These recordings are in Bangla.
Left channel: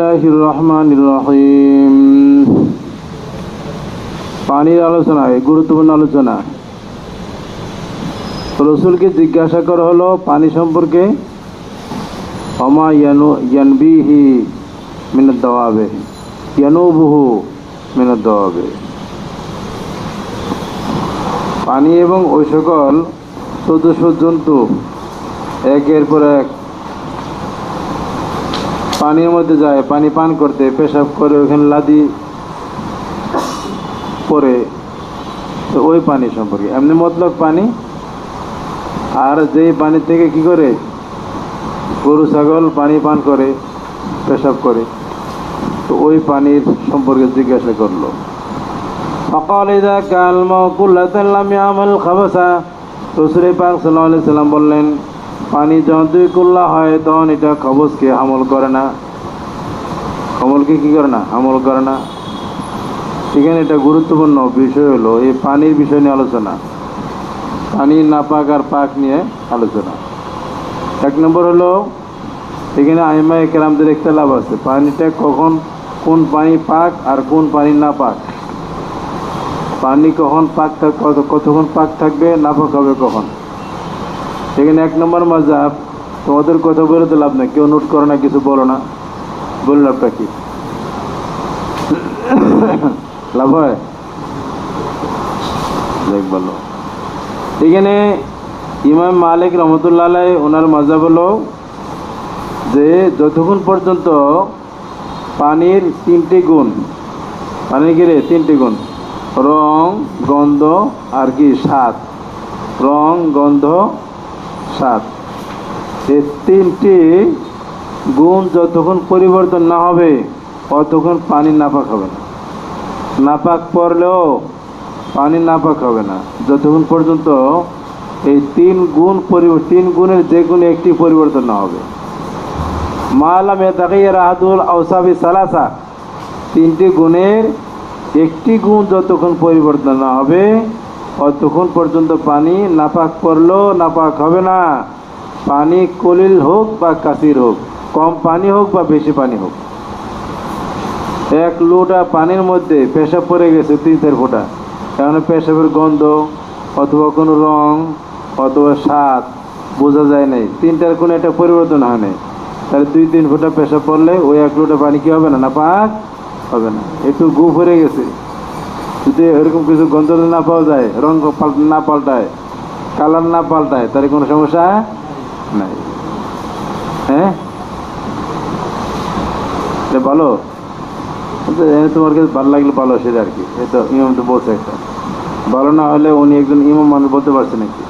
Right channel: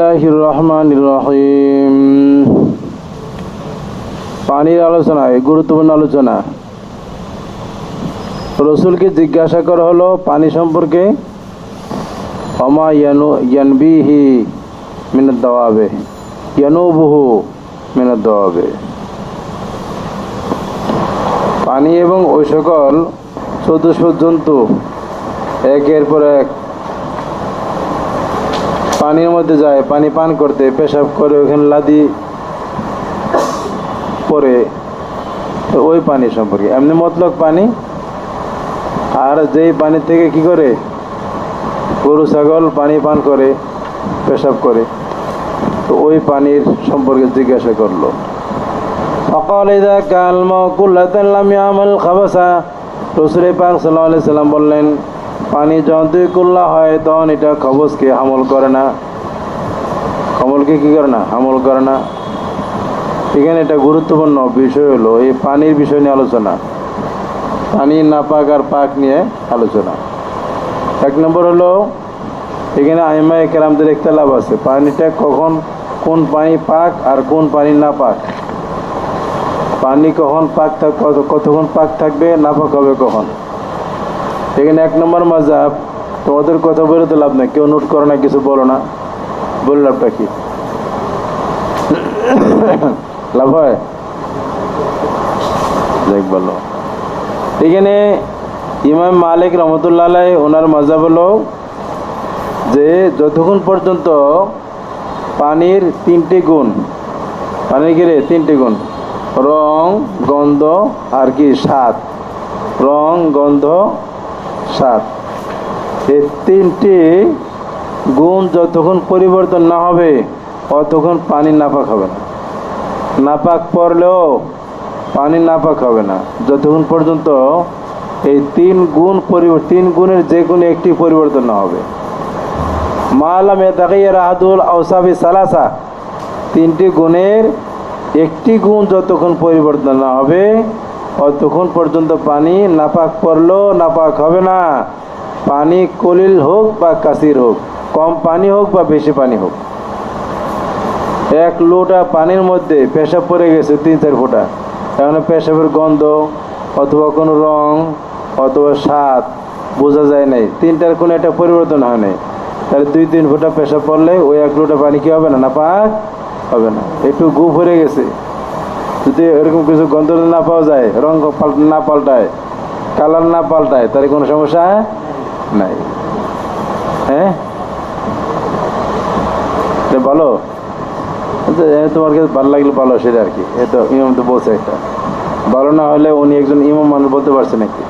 বিসমিল্লাহির রহমানির রহিম। পানির আলোচনা, গুরুত্বপূর্ণ আলোচনা। রসুলকে জিজ্ঞাসা করা হলো পানি সম্পর্কে, ওমা ইয়ানবিহি মিনাদ দাওয়াবে ইয়ানুবুহু মিনাদ দাওয়াবে। পানি এবং ওই সকল চতুষ্প জন্তু একের পর এক পানির মধ্যে যায় পানি পান করতে, পেশাব করে ওখানে লাদি পরে, ওই পানি সম্পর্কে। এমনি মতলব পানি, আর যেই পানি থেকে কি করে গরু ছাগল পানি পান করে, পেশাব করে, তো ওই পানির সম্পর্কে জিজ্ঞাসা করলো। অকাল ইযা কাল মাকুল্লাতান লাম ইয়ামাল খাবাসা। রাসূল পাক সাল্লাল্লাহু আলাইহি সাল্লাম বললেন, পানি যখন দুই কুল্লা হয় তখন এটা খবসকে আমল করে না, আমলকে কি করে না, আমল করে না। এখানে এটা গুরুত্বপূর্ণ বিষয় হলো এই পানির বিষয় নিয়ে আলোচনা, পানির নাপাক আর পাক নিয়ে আলোচনা। এক নম্বর হলো এখানে আইমায়ে কেরামদের ইখতিলাফ আছে, পানিটা কখন, কোন পানি পাক আর কোন পানি নাপাক। পানি কখন পাক কতক্ষণ পাক থাকবে, নাপাক হবে কখন। সেখানে এক নম্বর মাযহাব, তোমাদের কথা বলে তো লাভ নাই, কেউ নোট করো না, কিছু বলো না, বলে লাভটা কি, লাভ হয়? দেখ বলো। এখানে ইমাম মালিক রহমতুল্লাহ আলাইহি ওনার মাযহাব হলো যে যতক্ষণ পর্যন্ত পানির তিনটি গুণ, পানির কি রে তিনটি গুণ, রং, গন্ধ আর কি স্বাদ, রং, গন্ধ, স্বাদ, এই তিনটি গুণ যতক্ষণ পরিবর্তন না হবে ততক্ষণ পানি নাপাক হবে না। নাপাক পড়লেও পানি নাপাক হবে না যতক্ষণ পর্যন্ত এই তিন গুণের যে কোনো একটি পরিবর্তন না হবে। মালাম ইয়াতাগাইয়ার আহাদুল আওসাফি সালাসা, তিনটি গুণের একটি গুণ যতক্ষণ পরিবর্তন না হবে ততক্ষণ পর্যন্ত পানি নাপাক পড়লেও নাপাক হবে না। পানি কলিল হোক বা কাসির হোক, কম পানি হোক বা বেশি পানি হোক। এক লোটা পানির মধ্যে পেশাব পড়ে গেছে 3-4 ফোঁটা, এখন পেশাবের গন্ধ অথবা কোনো রং অথবা স্বাদ বোঝা যায় নাই, তিনটার কোনো একটা পরিবর্তন হয় নাই, তাহলে 2-3 ফোঁটা পেশাব পড়লে ওই এক লোটা পানি কি হবে না, নাপাক হবে না। একটু গু ভরে গেছে, যদি এরকম কিছু গন্ধ না পাওয়া যায়, রং না পাল্টায়, কালার না পাল্টায়, তার কোনো সমস্যা নাই। হ্যাঁ ভালো, তোমার কাছে ভালো লাগলে ভালো, সেটা আর কি। এ তো ইমাম তো বলছে একটা, ভালো না হলে উনি একজন ইমাম মানুষ বলতে পারছে নাকি?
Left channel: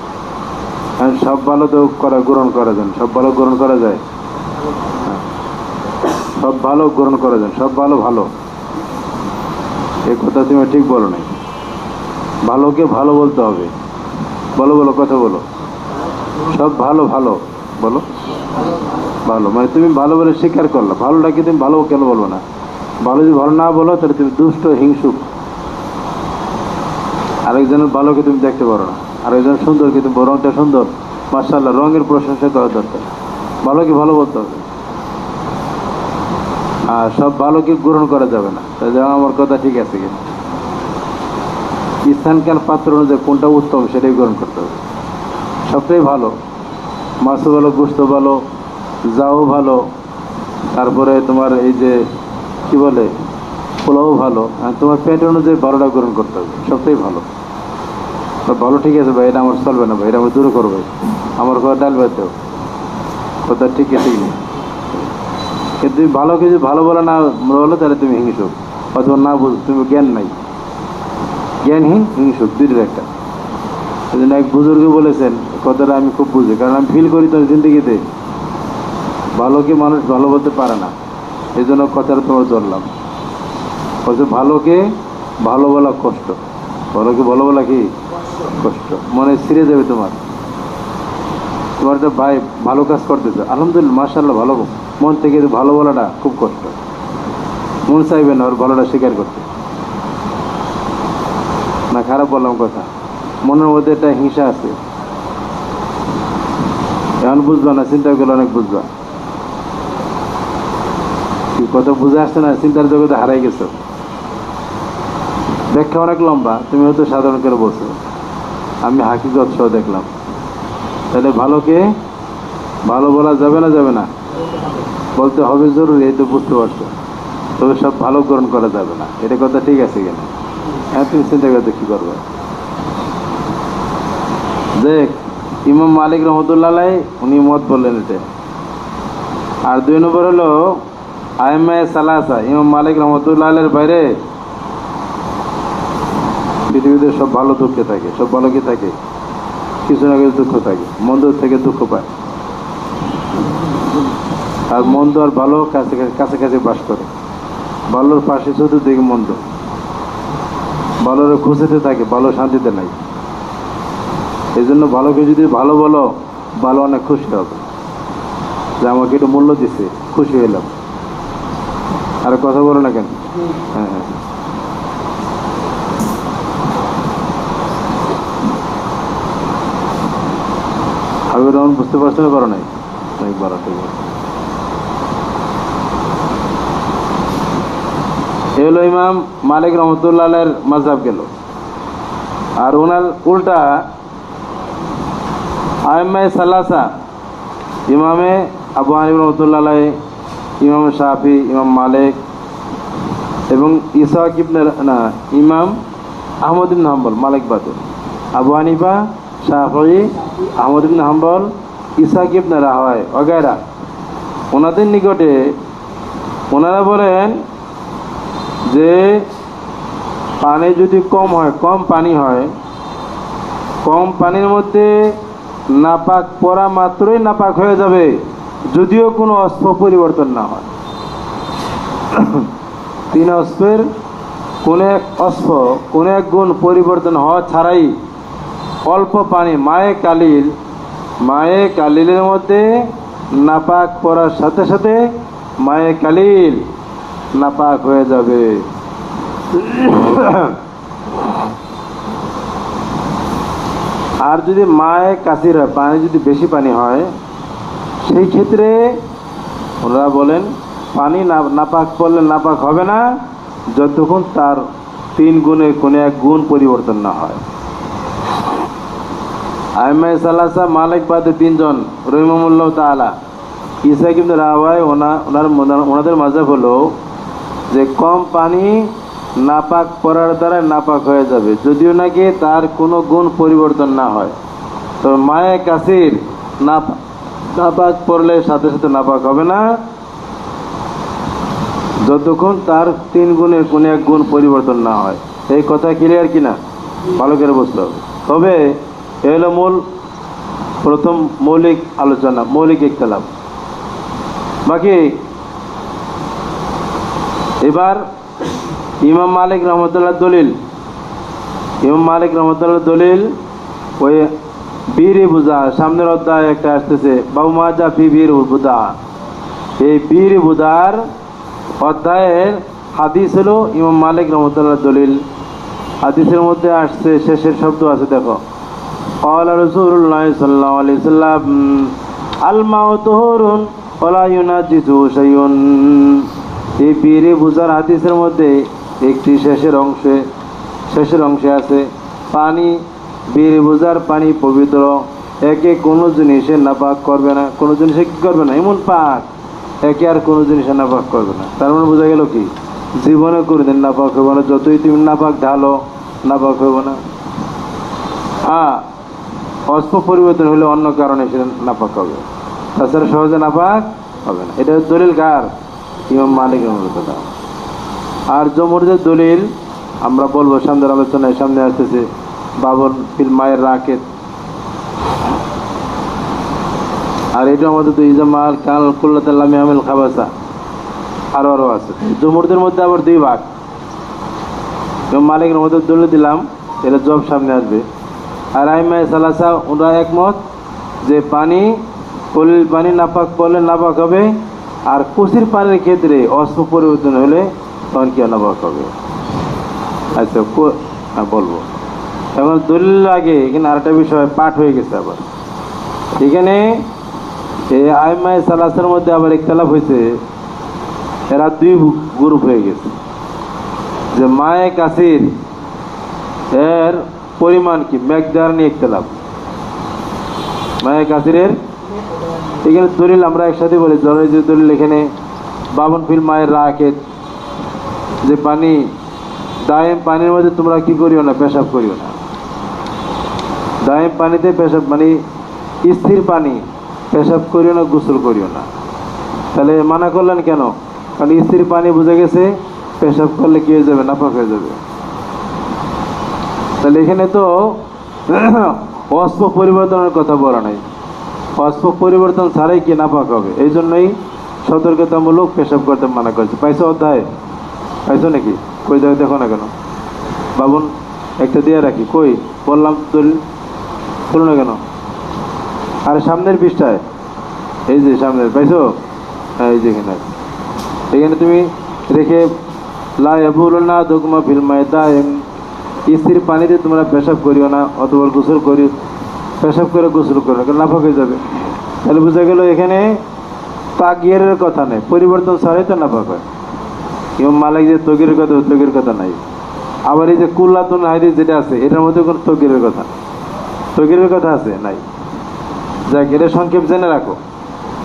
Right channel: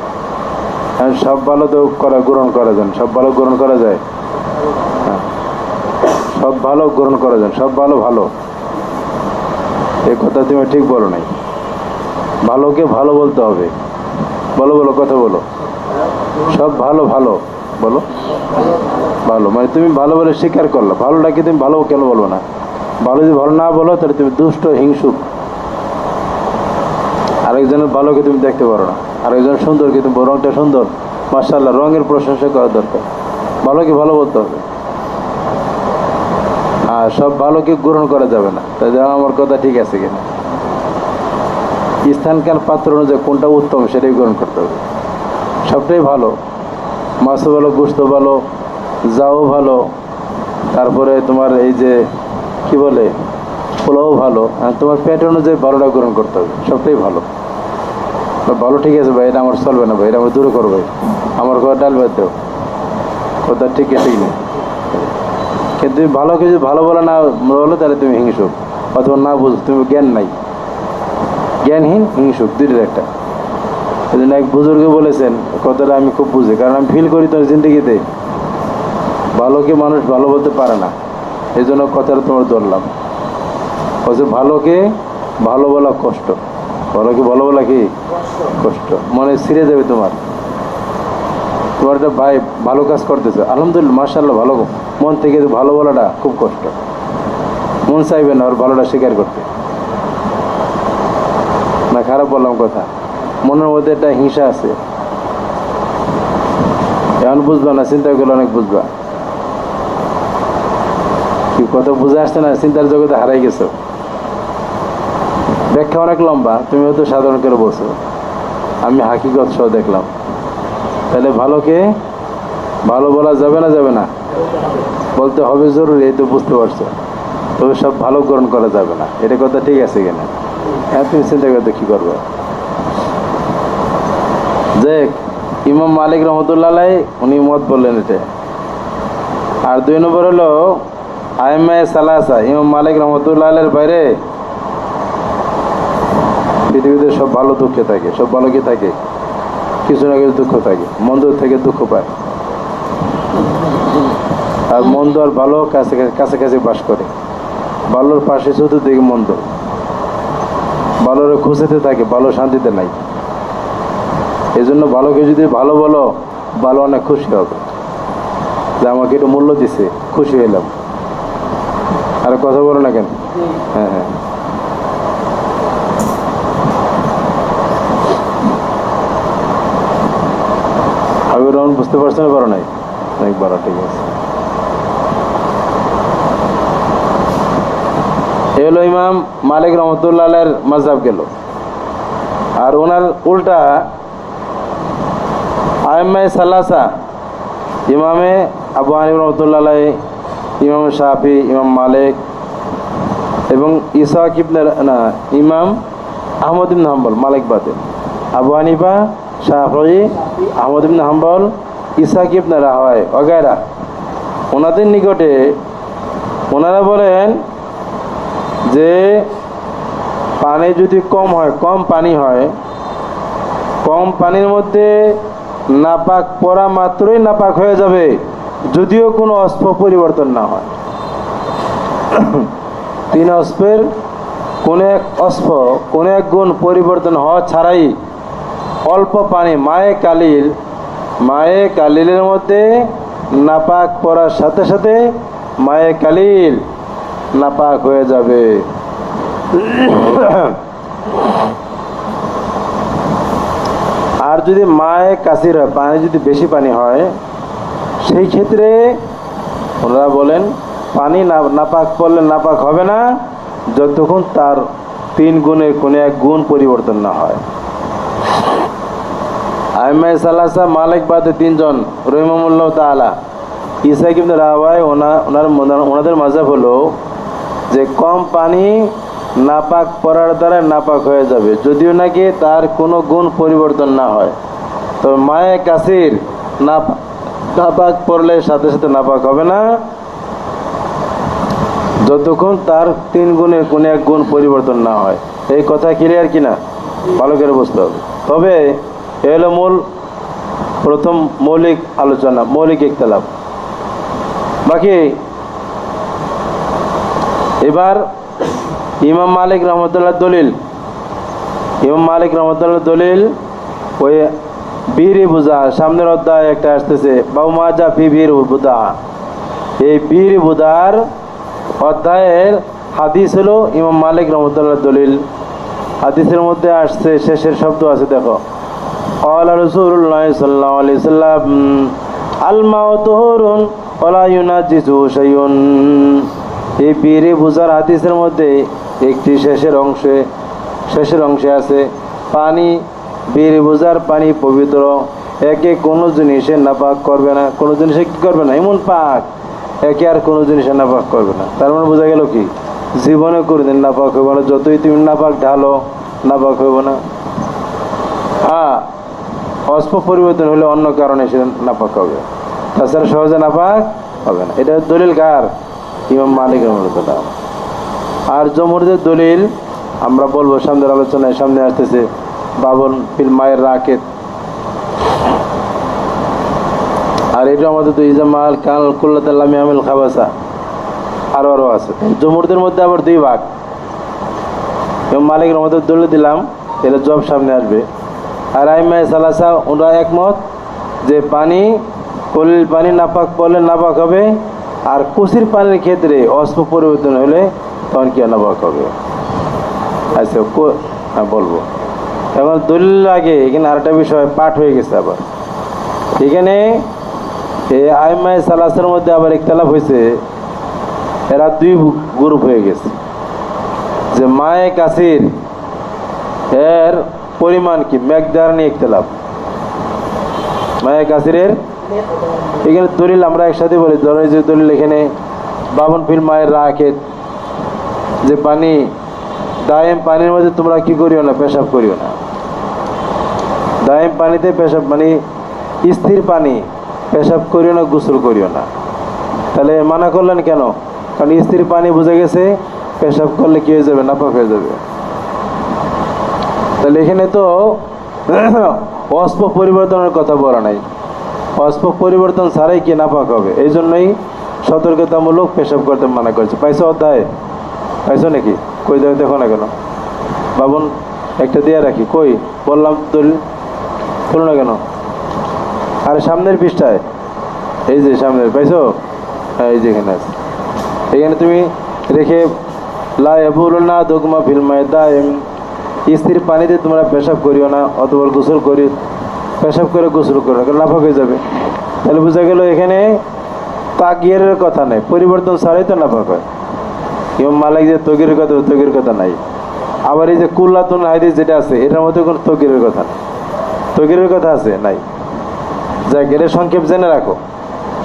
কারণ সব ভালো তো গ্রহণ করা যায়, সব ভালো গ্রহণ করা যায়, সব ভালো গ্রহণ করা যায়, সব ভালো ভালো, এ কথা তুমি ঠিক বলো নাই। ভালোকে ভালো বলতে হবে, বলো বলো কথা বলো, সব ভালো ভালো বলো, ভালো মানে তুমি ভালো বলে স্বীকার করলো, ভালোটাকে তুমি ভালো কেন বলবো না? ভালো যদি ভালো না বলো তাহলে তুমি দুষ্ট, হিংসুক। আরেকজনের ভালোকে তুমি দেখতে পারো না, আরেকজন সুন্দরকে তুমি রংটা সুন্দর, মাশাআল্লাহ, রঙের প্রশংসা করা দরকার, ভালোকে ভালো বলতে হবে। আর সব ভালোকে গ্রহণ করা যাবে না। তাই আমার কথা ঠিক আছে কিনা? স্থানকাল পাত্র অনুযায়ী কোনটা উত্তম সেটাই গ্রহণ করতে হবে। সবটাই ভালো, মাছও ভালো, গোস্ত ভালো, যাও ভালো, তারপরে তোমার এই যে কি বলে পোলাও ভালো, তোমার পেট অনুযায়ী ভালোটা গ্রহণ করতে হবে, সবটাই ভালো। ভালো ঠিক আছে ভাই, এটা আমার চলবে না ভাই, এটা আমার দূরে করবো, আমার কথা ডাল বাদ দাও, কথা ঠিক আছে কিনা? কিন্তু তুমি ভালো কিছু ভালো বলে না বলো তাহলে তুমি হিংসুক, অথবা না বুঝো, তুমি জ্ঞান নাই, জ্ঞানহীন, হিংসুক, দুইটার একটা। এই জন্য এক বুজুর্গে বলেছেন, কথাটা আমি খুব বুঝি, কারণ আমি ফিল করি তো জিন্দগিতে, ভালোকে মানুষ ভালো বলতে পারে না, এই জন্য কথাটা তোমার ধরলাম। বলছে ভালোকে ভালো বলা কষ্ট, ভালোকে ভালো বলা কি কষ্ট, মনে ছিঁড়ে যাবে তোমার। তোমার একটা ভাই ভালো কাজ করতেছে, আলহামদুলিল্লাহ মাশাআল্লাহ ভালো, মন থেকে ভালো বলাটা খুব কষ্ট, মন চাইবে না ওর ভালোটা স্বীকার করতে। না খারাপ বললাম কথা, মনের মধ্যে একটা হিংসা আছে, এখন বুঝবা না, চিন্তা করলে অনেক বুঝবা। কত বুঝে আসছে না, চিন্তার জগতে হারাই গেছো। ব্যাখ্যা অনেক লম্বা, তুমি হয়তো সাধারণ করে বলছো, আমি হাকিগত সহ দেখলাম। তাহলে ভালোকে ভালো বলা যাবে না, যাবে না? বলতে হবে জরুরি, এই তো বুঝতে পারছো। তবে সব ভালো গ্রহণ করা যাবে না, এটা কথা ঠিক আছে কিনা? হ্যাঁ, তুমি চিন্তা করতে কি করবো। যে ইমাম মালিক রহমতুল্লাহ আলাই উনি মত বললেন এটা। আর 2 নম্বর হলো আইম্মায়ে সালাসা, ইমাম মালিক রহমতুল্লাহ আলাইয়ের বাইরে পৃথিবীতে সব ভালো দুঃখে থাকে। সব ভালো কি থাকে? কিছু না কিছু দুঃখ থাকে, মন্দ থেকে দুঃখ পায়। আর মন্দ আর ভালো কাছাকাছি বাস করে। ভালোর পাশে চতুর্দিকে মন্দ, ভালোর খুশিতে থাকে, ভালো শান্তিতে নাই। এই জন্য ভালোকে যদি ভালো বলো, ভালো অনেক খুশি হবে যে আমাকে একটু মূল্য দিছে, খুশি হইলাম। আর কথা বলো না কেন? হ্যাঁ হ্যাঁ, হাবিবুর রহমান বুঝতে পারছো না? পারো নাই? অনেক বড়, ঠিক আছে। এ হলো ইমাম মালিক রহমতুল্লাহ আলাইয়ের মাযহাব গেল। আর ওনার উল্টা আইম্মায়ে সালাসা, ইমামে আবু হানিফা রহমতুল্লাহ আলাই, ইমাম শাফি, ইমাম মালিক এবং ইসহাক ইবনে ইমাম আহমদ ইবনে হাম্বল, মালিক বাদে আবু হানিফা, শাফি, আহমদ ইবনে হাম্বল, ইসহাক ইবনে রাহওয়ায় ওগায়রা, ওনাদের নিকটে ওনারা বলেন যে পানি যদি কম হয়, কম পানি হয়, কম পানির মধ্যে নাপাক পড়া মাত্রই নাপাক হয়ে যাবে, যদিও কোনো অস্প পরিবর্তন না হয়। 3 অস্পের কোনো এক অস্প, কোনো এক গুণ পরিবর্তন হওয়া ছাড়াই অল্প পানি মায়ে কালিলের মধ্যে নাপাক পড়ার সাথে সাথে মায়ে কালিল নাপাক হয়ে যাবে। আর যদি মায়ে কাসির হয়, পানি যদি বেশি পানি হয়, সেই ক্ষেত্রে ওনারা বলেন পানি নাপাক পড়লে নাপাক হবে না, যতক্ষণ তার 3 গুণে কোনো এক গুণ পরিবর্তন না হয়। আইম্মায়ে সালাসা, মালিক বাদে 3 জন রহিমাহুল্লাহ তাআলা, ইসহাক ইবনে রাহওয়ায়, ওনাদের মাযহাব হলো যে কম পানি নাপাক পড়ার দ্বারা নাপাক হয়ে যাবে, যদিও নাকি তার কোনো গুণ পরিবর্তন না হয়। তো মায়ে কাসির নাপাক পড়লে সাথে সাথে নাপাক হবে না, যতক্ষণ তার 3 গুণের কোনো এক গুণ পরিবর্তন না হয়। এই কথা ক্লিয়ার কিনা? ভালো করে বুঝতে হবে। তবে এ হলো প্রথম মৌলিক আলোচনা, মৌলিক ইখতিলাফ। বাকি এবার ইমাম মালিক রহমতুল্লাহ দলিল, ইমাম মালিক রহমতুল্লাহ দলিল ওই বীরি বুজা, সামনের অধ্যায় একটা আসতেছে, বাবু মাজা ফি বীর বুদা, এই বীর বুদার অধ্যায়ের হাদিস হলো ইমাম মালিক রহমতুল্লাহ দলিল। হাদিসের মধ্যে আসছে, শেষের শব্দ আছে, দেখো, ক্বালা রাসূলুল্লাহ সাল্লাল্লাহু আলাইহি ওয়াসাল্লাম আল মাউ তুহুরুন ওয়ালা ইউনাজিসু শাইউন। এই বীরে বুজার হাদিসের মধ্যে একটি শেষের অংশে আছে পানি, বীরে বুজার পানি পবিত্র, একে কোনো জিনিসে নাপাক করবে না, কোনো জিনিসে কি করবে না, এমন পাক একে আর কোনো জিনিসে নাপাক করবে না। তার মানে বোঝা গেল কি, জীবনে কোনোদিন নাপাক হইব না, যতই তুমি নাপাক ঢালো নাপাক হইব না। হ্যাঁ, অস্প পরিবর্তন হলে অন্য কারণে সে নাপাক হবে, তাছাড়া সহজে নাপাক হবে না। এটা দলিল কার? ইমাম মালিক রহমাতুল্লাহ। আর জমহুরের দলিল আমরা বলবো সামনের আলোচনায়, সামনে আসতেছে বাবন ফিল মায়ের রাকেত। আর এটা আমাদের তো ইজামাল কাল কুল্লাতাল্লামি আমিল খাবাসা আরো আছে। জমহুরদের মধ্যে আবার 2 ভাগ। ইমাম মালিক রহমাতুল্লাহ দলিল দিলাম, এটা জব সামনে আসবে। আর আইম্মায়ে সালাসা ওরা একমত যে পানি নাপাক পড়লে নাপাক হবে, আর কুসির পানির ক্ষেত্রে অস্প পরিবর্তন হলে তখন কি নাপাক হবে। আচ্ছা, হ্যাঁ বলবো। এখন দলিল আগে এখানে আরেকটা বিষয় পাঠ হয়ে গেছে। আবার এখানে এই আইম্মায়ে সালাসার মধ্যে আবার ইখতিলাফ হয়েছে এরা দুই গ্রুপ হয়ে গেছে, যে মায়ে কাসির এর পরিমাণ কি মেকদার নিয়ে ইখতিলাফ। মায়ে কাসিরের এখানে দলিল আমরা একসাথে বলি, ধরো যে দলিল এখানে বাবন ফিল মায়ের রাখে যে পানি দায়েম পানির মধ্যে তোমরা কি করিও না, পেশাব করিও না। দায়েম পানিতে পেশাব মানে স্থির পানি, পেশাব করিও না, গোসল করিও না। তাহলে মানা করলেন কেন? কারণ স্থির পানি বুঝে গেছে পেশাব করলে কি হয়ে যাবে, নাপাক হয়ে যাবে। তাহলে এখানে তো অস্পক পরিবর্তনের কথা বলা নাই, অস্পক পরিবর্তন ছাড়াই কি নাপাক হবে। এই জন্যই সতর্কতামূলক পেশাব করতে মানা করেছে। পাইছো অধ্যায়? পাইছো নাকি? কই দেয় দেখো না কেন বাবুন, একটা দিয়ে রাখি। কই বললাম দলিল খুলো না কেন? আরে সামনের পৃষ্ঠায়, এই যে সামনের, পাইছো? হ্যাঁ, এই যে এখানে আছে। এখানে তুমি রেখে লা ইয়াবুলুনা দুগমা ফিল মায়ে দায়েম, স্থির পানিতে তোমরা পেশাব করিও না, অথবা গোসল করি, পেশাব করে গোসল করো না, কারণ নাপাক হয়ে যাবে। তাহলে বোঝা গেল এখানে তাগিয়ের কথা নেই, পরিবর্তন ছাড়াই তো নাপাক হয়। ইমাম মালিক যে তগিরের কথা, তগির কথা নাই। আবার এই যে কুল্লাতুন হাদিস যেটা আছে, এটার মধ্যে কোনো তগিরের কথা নেই। তগিরের কথা আছে নাই? যাক, এটা সংক্ষেপ জেনে রাখো,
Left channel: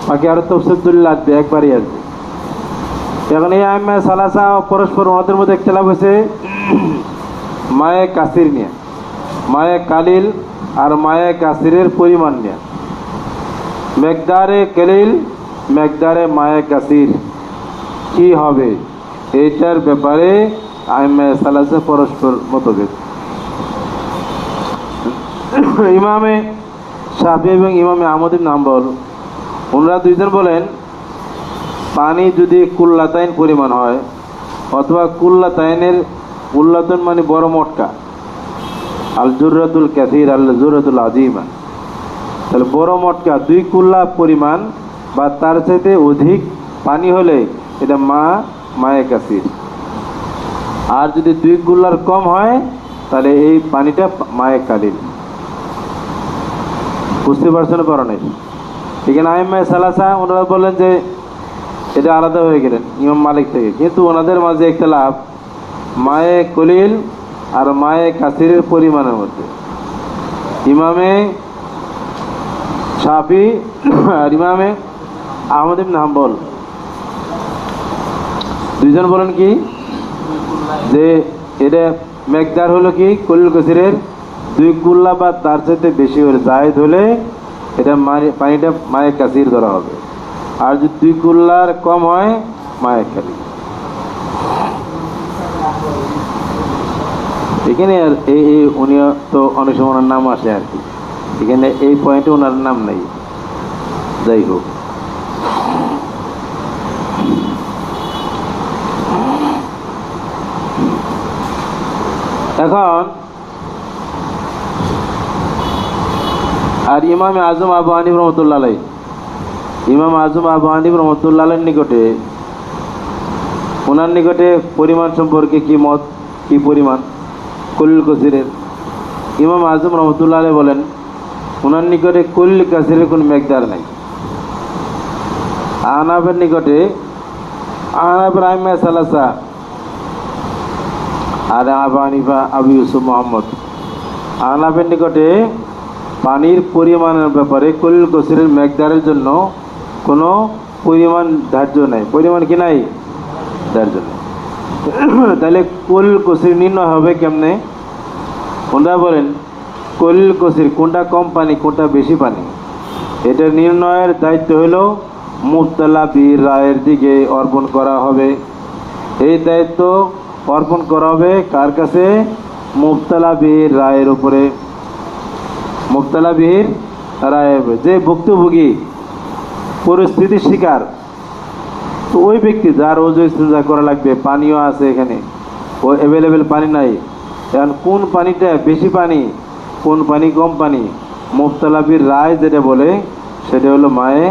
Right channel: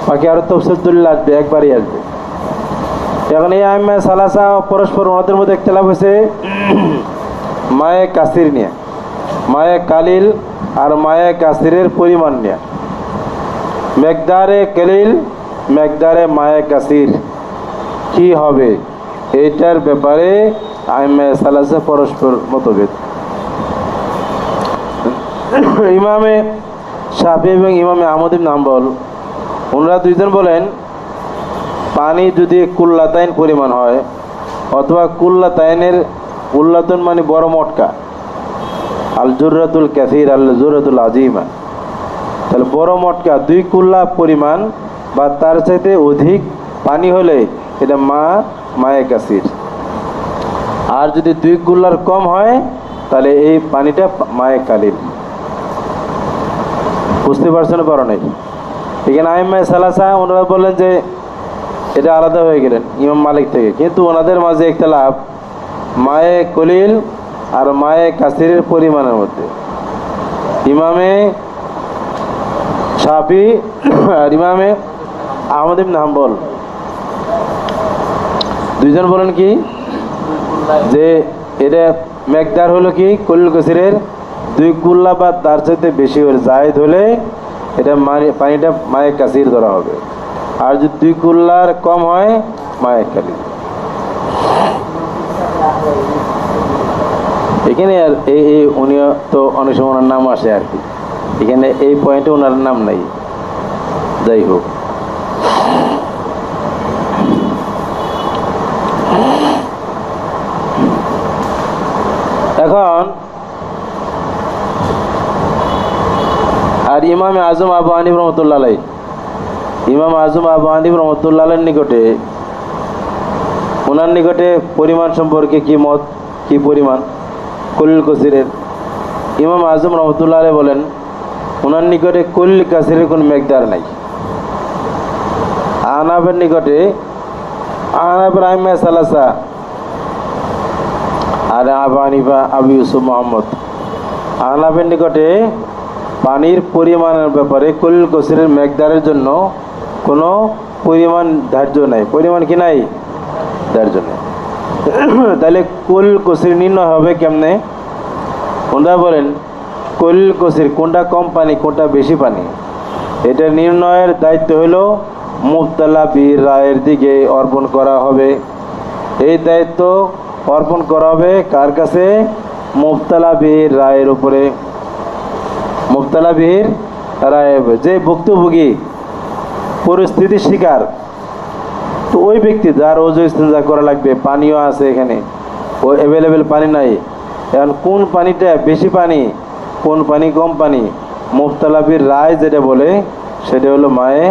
বাকি আরো তফসিল দলিল আসবে, একবারই আসবে। এখন এই আইম্মা সালাসা পরস্পর মতের মধ্যে ইখতিলাফ হয়েছে মায়ে কাসির নিয়ে, মায়ে কালিল আর মায়ে কাসিরের পরিমাণ নিয়ে। মেকদারে কালিল, মেকদারে মায়ে কাসির কি হবে, এইটার ব্যাপারে আইম্মা সালাসা পরস্পর মতভেদ। ইমামে শাফি এবং ইমামে আহমদ ইবনে হাম্বল ওনারা দুইজন বলেন পানি যদি কুল্লাতাইন পরিমাণ হয়, অথবা কুল্লাতাইনের, কুল্লাতুন মানে বড় মটকা, আল জুররাতুল কাসির আল জুররাতুল আজিমা, তাহলে বড় মটকা 2 কুল্লা পরিমাণ বা তার চাইতে অধিক পানি হলে এটা মায়ে কাসির। আর যদি 2 কুল্লার কম হয় তাহলে এই পানিটা মায়ে কালিল। বুঝতে পারছেন? পারো নাই? এখানে আইম্মা সালাসা ওনারা বললেন যে এটা আলাদা হয়ে গেলেন ইমাম মালিক থেকে, কিন্তু ওনাদের মাঝে ইখতিলাফ মায়ে কলিল আর মায়ে কাসিরের পরিমাণের মধ্যে। ইমামে শাফি আর ইমামে আহমদ ইবনে হাম্বল দুইজন বলেন কি, যে এটা মেকদার হলো কি কলিল কাসিরের 2 কুল্লা বা তার চাইতে বেশি হলে, জায়েদ হলে এটা পানিটা মায়ে কাসির ধরা হবে। আর যদি 2 কুল্লার কম হয় মায়ে কালিল। এখানে আর এই উনি তো অনেক সময় ওনার নাম আসে আর কি, এখানে এই পয়েন্টে ওনার নাম নাই। যাই হোক, এখন আর ইমামে আজম আবু হানিফ রহমতুল্লাহ আলাইহি, ইমাম আজম আবু হানিফ রহমতুল্লাহ আলাইহির নিকটে, ওনার নিকটে পরিমাণ সম্পর্কে কি মত, কি পরিমাণ কলিল কাসিরের। ইমাম আজম রহমতুল্লাহ আলাইহি বলেন ওনার নিকটে কলিল কাসিরের কোনো মেকদার নাই। আহনাফের নিকটে, আহনাফের আইম্মা সালাসা আর আবু হানিফা, আবু ইউসুফ মোহাম্মদ, আহনাফের নিকটে পানির পরিমাণের ব্যাপারে কলিল কাসিরের মেকদারের জন্য কোনো পরিমাণ ধার্য নাই। পরিমাণ কি নাই? ধার্য নেই। তাহলে কলিল কাসির নির্ণয় হবে কেমনে? ওনারা বলেন কলিল কাসির কোনটা কম পানি, কোনটা বেশি পানি, এটা নির্ণয়ের দায়িত্ব হলো মুবতালা বীর রায়ের দিকে অর্পণ করা হবে। এই দায়িত্ব অর্পণ করা হবে কার কাছে? মুবতালা বীর রায়ের উপরে। মুবতালা বীর রায়, যে ভুক্তভোগী, পরিস্থিতির শিকার, তো ওই ব্যক্তি যার ওযু ইস্তেঞ্জা করা লাগবে, পানিও আছে এখানে, ও অ্যাভেলেবেল পানি নাই, এখন কোন পানিটা বেশি পানি, কোন পানি কম পানি, মুবতালা বীর রায় যেটা বলে সেটা হলো মায়ে,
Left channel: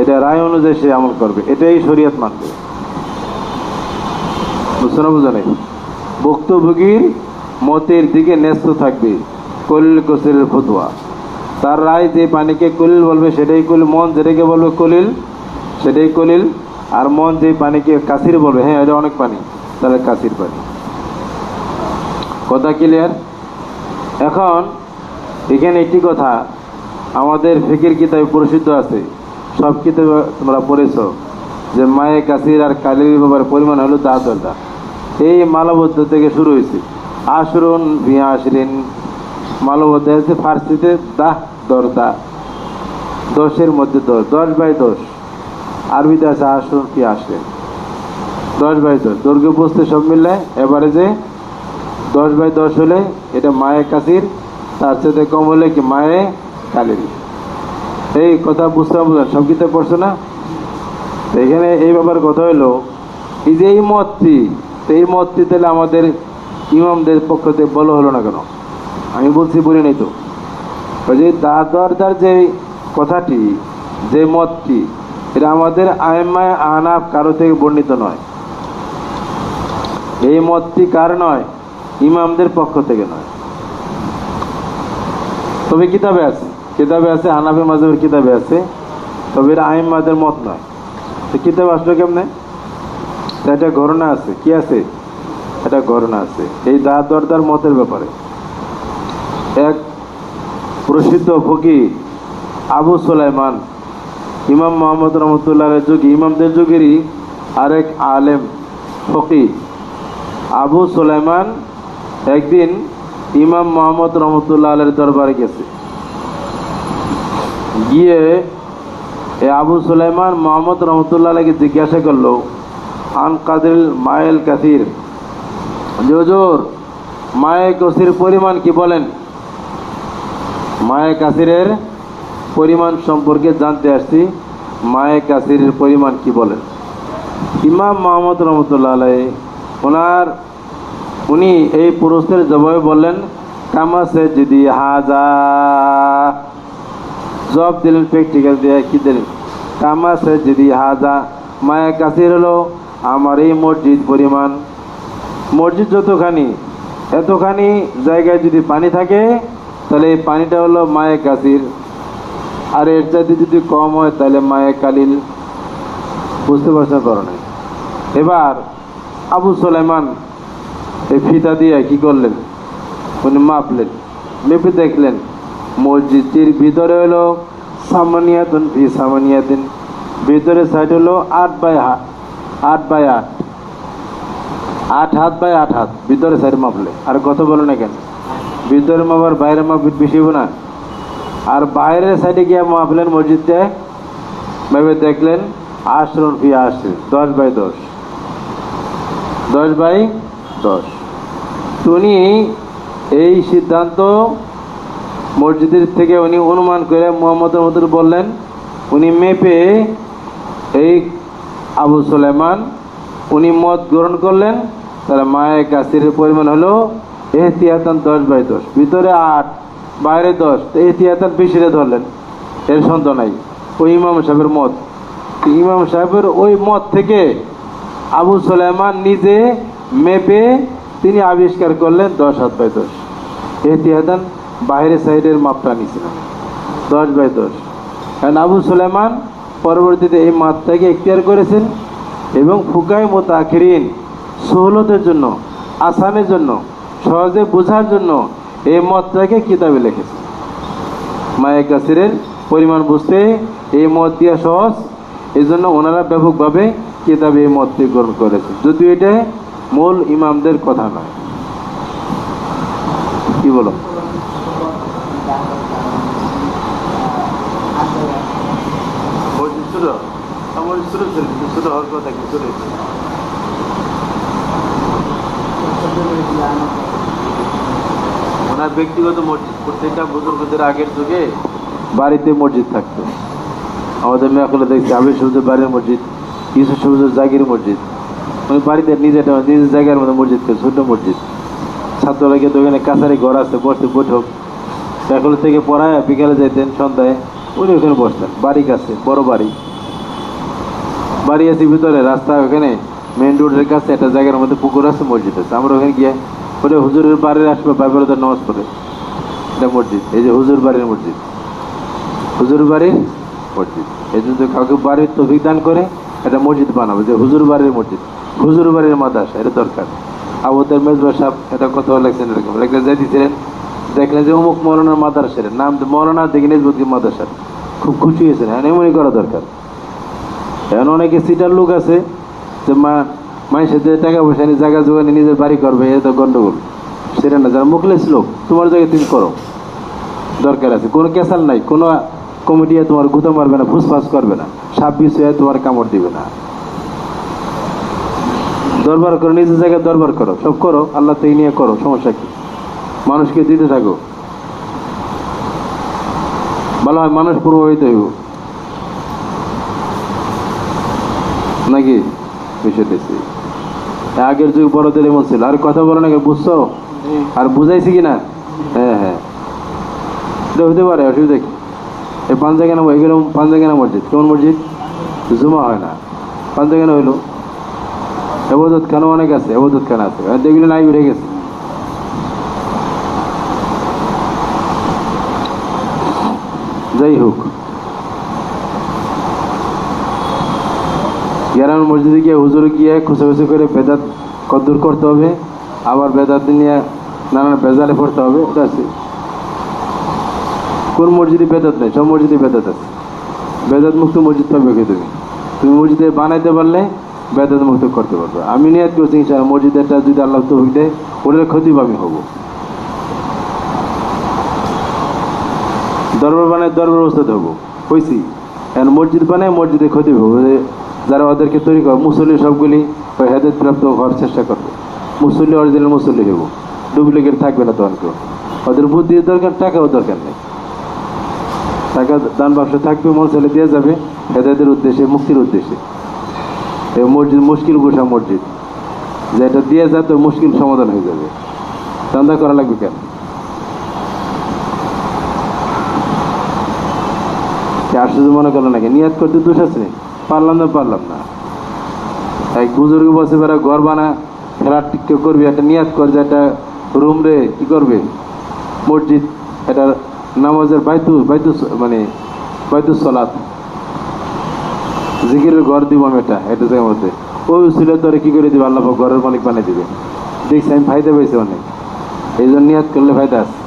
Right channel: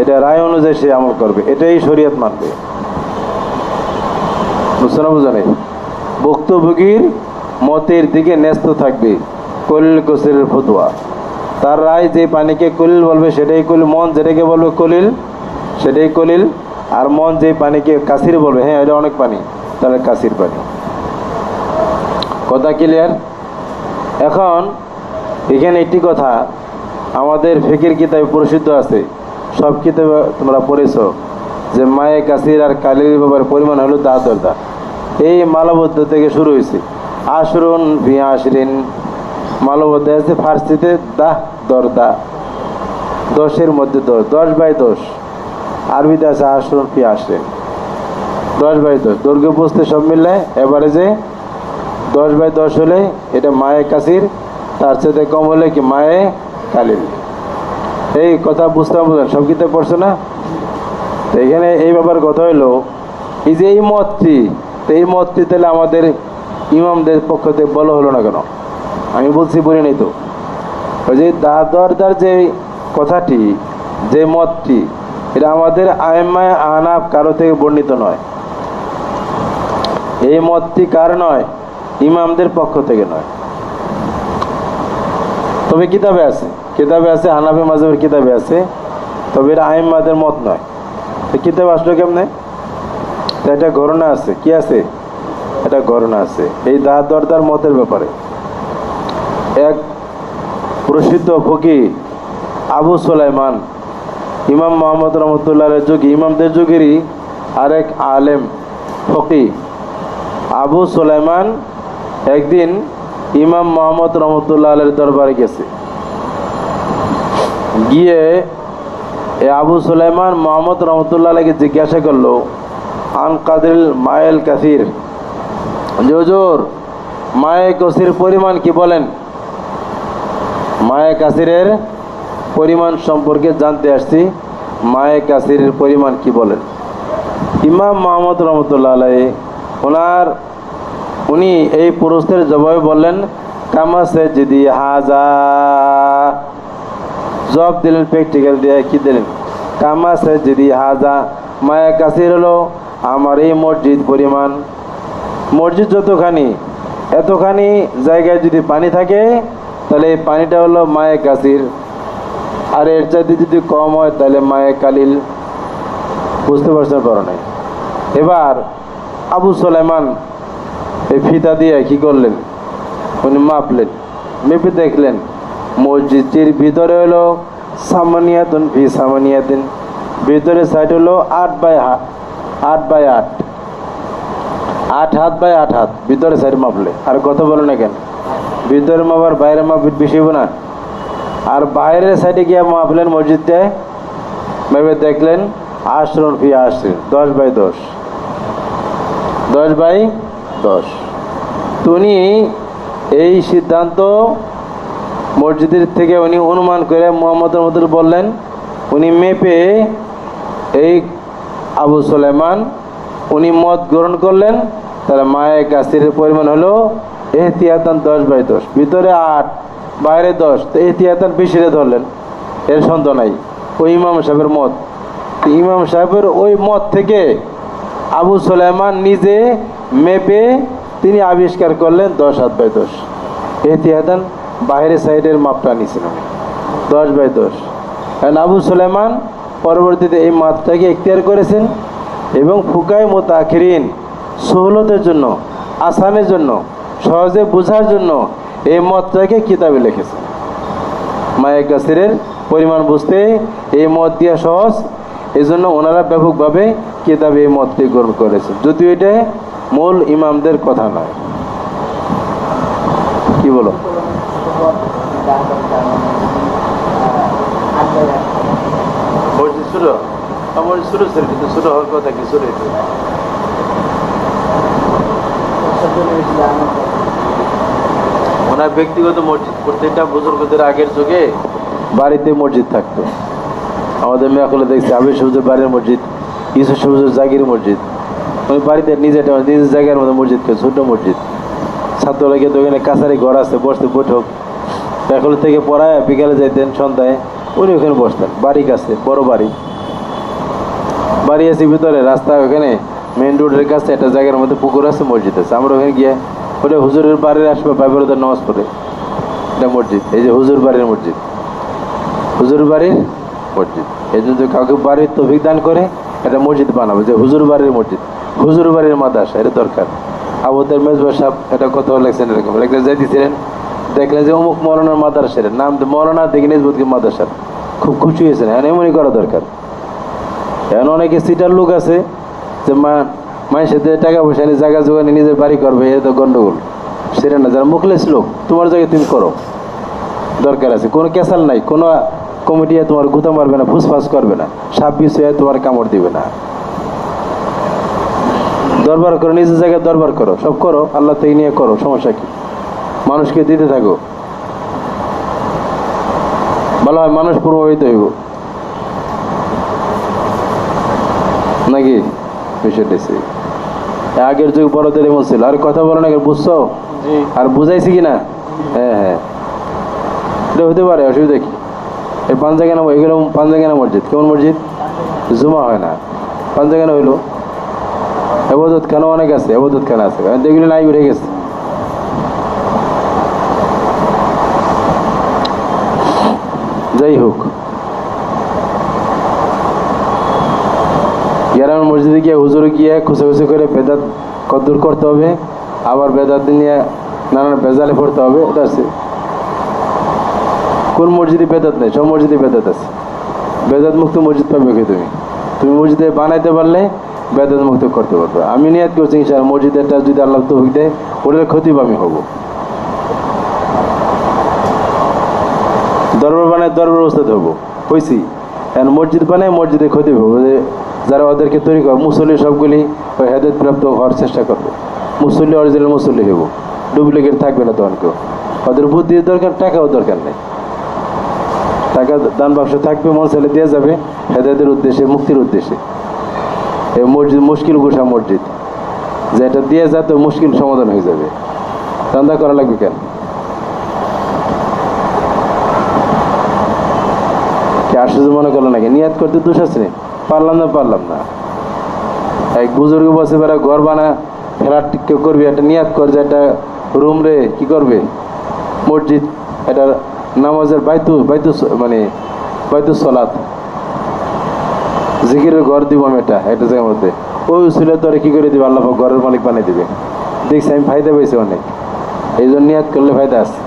এটা রায় অনুযায়ী সে আমল করবে, এটাই শরীয়ত মানবে। বুঝছো না? বুঝো নাই? ভুক্তভোগীর মতের দিকে ন্যস্ত থাকবে কলিল কাসিরের ফতোয়া। তার রায় যে পানিকে কলিল বলবে সেটাই কলিল, মন যেটাকে বলবে কলিল সেটাই কলিল, আর মন যে পানিকে কাশির বলবে, হ্যাঁ এটা অনেক পানি, তাহলে কাশির পানি। কথা ক্লিয়ার? এখন এখানে একটি কথা, আমাদের ফিকির কিতাবে প্রসিদ্ধ আছে, সব কিতাবে তোমরা পড়েছো, যে মায়ে কাসির আর কালির ব্যাপারে পরিমাণ হলো দা দরদা। এই মালবদ্ধ থেকে শুরু হয়েছে, আশরুন ফি আশরিন, মালবদ্ধ আছে ফার্সিতে দাহ দরদা, 10-এর মধ্যে 10, 10/10। আরবিতে আছে আশরুন ফি আশরিন, 10/10। দৈর্ঘ্য বুঝতে সব মিললে এভারেজে 10/10 হলে এটা মায়ে কাসির, তার সাথে কম হলে কি মায়ে কালিল। এই কথা বুঝতে বুঝলেন? সব কিতাব পড়ছো না? তো এখানে এই ব্যাপার কথা হলো, এই যে এই মতটি, তো এই মতটি তাহলে আমাদের ইমামদের পক্ষ থেকে বলা হলো না কেন? আমি বলছি বলি নাই তো, ওই যে দরদার যে কথাটি, যে মতটি, এটা আমাদের আইম্মায়ে আহনাফ কারো থেকে বর্ণিত নয়। এই মতটি কার নয়? ইমামদের পক্ষ থেকে নয়। তবে কিতাবে আছে, কিতাবে আছে, হানাফি মাযহাবের কিতাবে আছে, তবে এটা আইম্মাদের মত নয়। তো কিতাব আসলো কেমনে? এটা ঘটনা আছে, কি আছে? এটা ঘটনা আছে এই দরদার মতের ব্যাপারে। এক প্রসিদ্ধ ফকিহ আবু সুলাইমান, ইমাম মুহাম্মদ রহমতুল্লাহের যুগে, ইমামদের যুগেরই আরেক আলেম ফকিহ আবু সুলাইমান একদিন ইমাম মুহাম্মদ রহমতুল্লাহের দরবারে গেছে। গিয়ে আবু সুলাইমান মুহাম্মদ রহমতুল্লাহকে জিজ্ঞাসা করলো, আন কাদিল মায়েল কাসির, হুজুর মায়ে কাসির পরিমাণ কি বলেন? মায়ে কাসিরের পরিমাণ সম্পর্কে জানতে আসছি, মায়ে কাসিরের পরিমাণ কি বলেন? ইমাম মুহাম্মদ রহমতুল্লাহ আলাইহি উনি এই প্রশ্নের জবাবে বললেন, কামা সে যদি হাজা, জবাব দিলেন প্র্যাকটিক্যাল দিয়ে, কি দিলেন? কামা সে যদি হাজা, মায়া কাসির হলো আমার এই মসজিদ পরিমাণ। মসজিদ যতখানি, এতখানি জায়গায় যদি পানি থাকে, তাহলে এই পানিটা হলো মায়ে কাসির, আর এর চাইতে যদি কম হয় তাহলে মায়ে কালিল। বুঝতে পারছেন? করো নাই। এবার আবু সুলাইমান এই ফিতা দিয়ে কি করলেন? উনি মাপলেন, মেপে দেখলেন মসজিদটির ভিতরে হলো সামানিয়াতুন ফি সামানিয়াতিন, ভিতরে সাইড হলো 8/8, 8/8, 8 হাত বাই 8 হাত, ভিতরে সাইড মাপলে। আর কত বলো না কেন? ভিতরে মাপার বাইরে মাপ বেশি হবো না? আর বাইরের সাইডে গিয়ে মাপলেন মসজিদটায়, মেপে দেখলেন আশরুন ফি আশরিন, 10/10, 10/10। উনি এই সিদ্ধান্ত মসজিদের থেকে উনি অনুমান করে মুহাম্মদের মতো বললেন। উনি মেপে এই আবু সুলাইমান উনি মত গ্রহণ করলেন, তাহলে মায়ে কাসিরের পরিমাণ হলো এহতিয়াতান 10/10, ভিতরে 8 বাইরে 10, তো এহতিয়াতান বেশিরে ধরলেন, এর সন্দেহ নাই। ওই ইমাম সাহেবের মত, ইমাম সাহেবের ওই মত থেকে আবু সুলাইমান নিজে মেপে তিনি আবিষ্কার করলেন 10/10। এহতিয়াতান বাইরের সাইডের মাপটা নিয়েছিলেন 10/10। কারণ আবু সুলাইমান পরবর্তীতে এই মাপটাকে এখতিয়ার করেছেন, এবং ফুকায়ে মুতাআখিরিন সহলতের জন্য, আসানের জন্য, সহজে বোঝার জন্য এই মতটাকে কিতাবে লিখেছেন। মায়ে কাসিরের পরিমাণ বুঝতে এই মত দিয়া সহজ, এই জন্য ওনারা ব্যাপকভাবে কিতাবে এই মতটি গ্রহণ করেছেন, যদিও এটা মূল ইমামদের কথা নয়। কি বলো? ওনার ব্যক্তিগত মসজিদ, প্রত্যেকটা বুজুর্গদের আগের যুগে বাড়িতে মসজিদ থাকতো। আমাদের মেয়াকুলে দেখছি আবির সবুজের বাড়ির মসজিদ, ইউসুফ সবুজের জাগির মসজিদ, ওই বাড়িতে নিজের জায়গার মধ্যে মসজিদ, ছোট মসজিদ। ছাত্ররা গিয়ে তো ওখানে কাছারি ঘর আছে, বসতে বৈঠক, মেয়াকুল থেকে পড়ায় বিকালে যাইতেন, সন্ধ্যায় উনি ওখানে বসতেন। বাড়ি কাছে, বড় বাড়ি, বাড়ি আছে ভিতরে, রাস্তা ওখানে মেন রোডের কাছে একটা জায়গার মধ্যে পুকুর আছে, মসজিদ আছে। আমরা ওখানে গিয়ে ওটা হুজুরের বাড়ির আসবে, বাইবেলদের নামাজ পড়ে, এটা মসজিদ। এই যে হুজুর বাড়ির মসজিদ, হুজুর বাড়ির মসজিদ। এই জন্য কাউকে বাড়ির তৌফিক দান করে, একটা মসজিদ বানাবো, যে হুজুর বাড়ির মসজিদ, হুজুর বাড়ির মাদ্রাসা, এটা দরকার। আবুদের মেজবা সাহেব এটা কথা লেখছেন, এরকম লেখা যাই দিচ্ছিলেন, দেখলেন যে অমুক মৌলানার মাদ্রাসার নাম, মৌলানা দেখে নিজবুদ্দি মাদ্রাসা, খুব খুশি হয়েছেন। এমনই করা দরকার। এখন অনেকে সিটার লোক আছে যে মানুষের টাকা পয়সা নিয়ে জায়গা জোগানে নিজের বাড়ি করবে, এটা তো গন্ডগোল। সেটা না, যারা মুখলেস লোক, তোমার জায়গায় তুমি করো, দরকার আছে। কোনো ক্যাসাল নাই, কোনো কমিটি তোমার গুতা মারবে না, ফুসফাস করবে না, সাপ বিষ হয়ে তোমার কামড় দিবে না। দরবার করো, নিজের জায়গায় দরবার করো, সব করো, আল্লাহ থেকে নিয়ে করো, সমস্যা কি? মানুষকে দিতে থাকো, ভালো হয়, মানুষ প্রভাবিত হইব নাকি? বিষয়টা আগের যুগ বড়দের এমন ছিল। আর কথা বলো না, বুঝছো আর বুঝাইছি কিনা? হ্যাঁ হ্যাঁ, এটা হতে পারে, অসুবিধা কি? এই পাঞ্জাগানা, এগুলো পাঞ্জাগানা মসজিদ, কেমন মসজিদ? জুমা হয় না, পাঞ্জাগানা হইলো। এবাদত খানা অনেক আছে, এবাদত খানা আছে, এগুলো নাই, উঠে গেছে। যাই হোক, গ্রামের মসজিদে গিয়ে হুজুরে গিয়ে খুশি করে বেদাত কদ্দুর করতে হবে, আবার বেদাত নিয়ে নানান বেজালে পড়তে হবে, এটা আছে। কোন মসজিদে বেদাত নেই? সব মসজিদে বেদাত আছে। বেদাত মুক্ত মসজিদ পাবে কি? তুমি মসজিদে বানাইতে পারলে বেদাত মুক্ত করতে পারবে। আমি নিয়াত করছি ইনশাআল্লাহ, মসজিদেরটা যদি আল্লাহ তৌফিক দেয়, ওটার ক্ষতি আমি হব। দরবার বানায় দরবার ব্যবস্থাতে হবো, হয়েছি। এখন মসজিদ বানায় মসজিদে ক্ষতি হবো, যারা ওদেরকে তৈরি করে মুসল্লি সবগুলি ওই হেদায়েত প্রাপ্ত হওয়ার চেষ্টা করবে। মুসল্লি অরিজিনাল মুসল্লি হবো, ডুপ্লিকেট থাকবে না তখন কেউ। ওদের বুদ্ধির দরকার, টাকাও দরকার নেই। টাকা দান ব্যবসা থাকবে, মসজিদে দিয়ে যাবে হেদায়েতের উদ্দেশ্যে, মুক্তির উদ্দেশ্যে। এই মসজিদ মুশকিল গোসা মসজিদ, যেটা দিয়ে যায় তো মুশকিল সমাধান হয়ে যাবে। দান্দা করা লাগবে কেন? আশ্চর্য মনে করলো নাকি? নিয়াত করতে দোষ আছে, পারলাম না। এক বুজুর্গ বসে বেড়া ঘর বানা ফ্ল্যাট কেউ করবি, একটা নিয়াত কর যে একটা রুম রে কি করবে মসজিদ, এটা নামাজের মানে বাইতুস সালাত, জিকিরের ঘর দিব আমি, এটা জায়গার মধ্যে ওই ছিল তোরে কি করে দিবে, আল্লাহ ঘরের মালিক বানিয়ে দিবে। দেখছি আমি ফায়দা পেয়েছি অনেক, এই জন্য নিয়াত করলে ফায়দা আছে।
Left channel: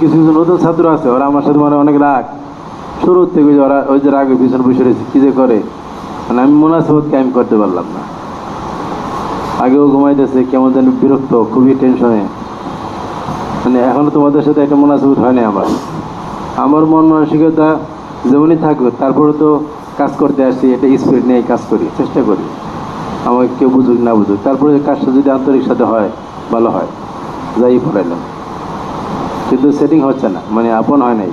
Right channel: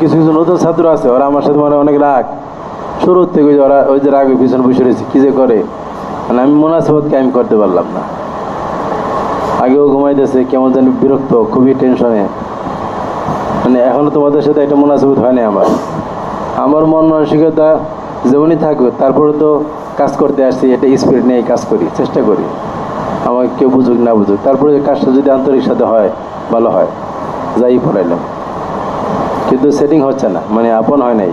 কিছু নতুন ছাত্র আছে, ওরা আমার সাথে মানে অনেক রাগ, শুরুর থেকে ওরা ওই যে রাগের পিছনে বসে রয়েছে, কি যে করে, মানে আমি মুনাসিবত কায়েম করতে পারলাম না। আগেও ঘুমাইতেছে, কেমন জানি বিরক্ত, খুবই টেনশনে। মানে এখনো তোমাদের সাথে একটা মুনাসিবত হয়নি আমার মন মানসিকতা যেমনই থাকুক, তারপরে তো কাজ করতে আসছি, এটা স্পিরিট নিয়ে কাজ করি, চেষ্টা করি, আমাকে কেউ বুঝুক না বুঝুক, তারপরে কাজটা যদি আন্তরিক সাথে হয় ভালো হয়, যাই পড়াইলাম। কিন্তু সেটিং হচ্ছে না, মানে আপন হয় নাই।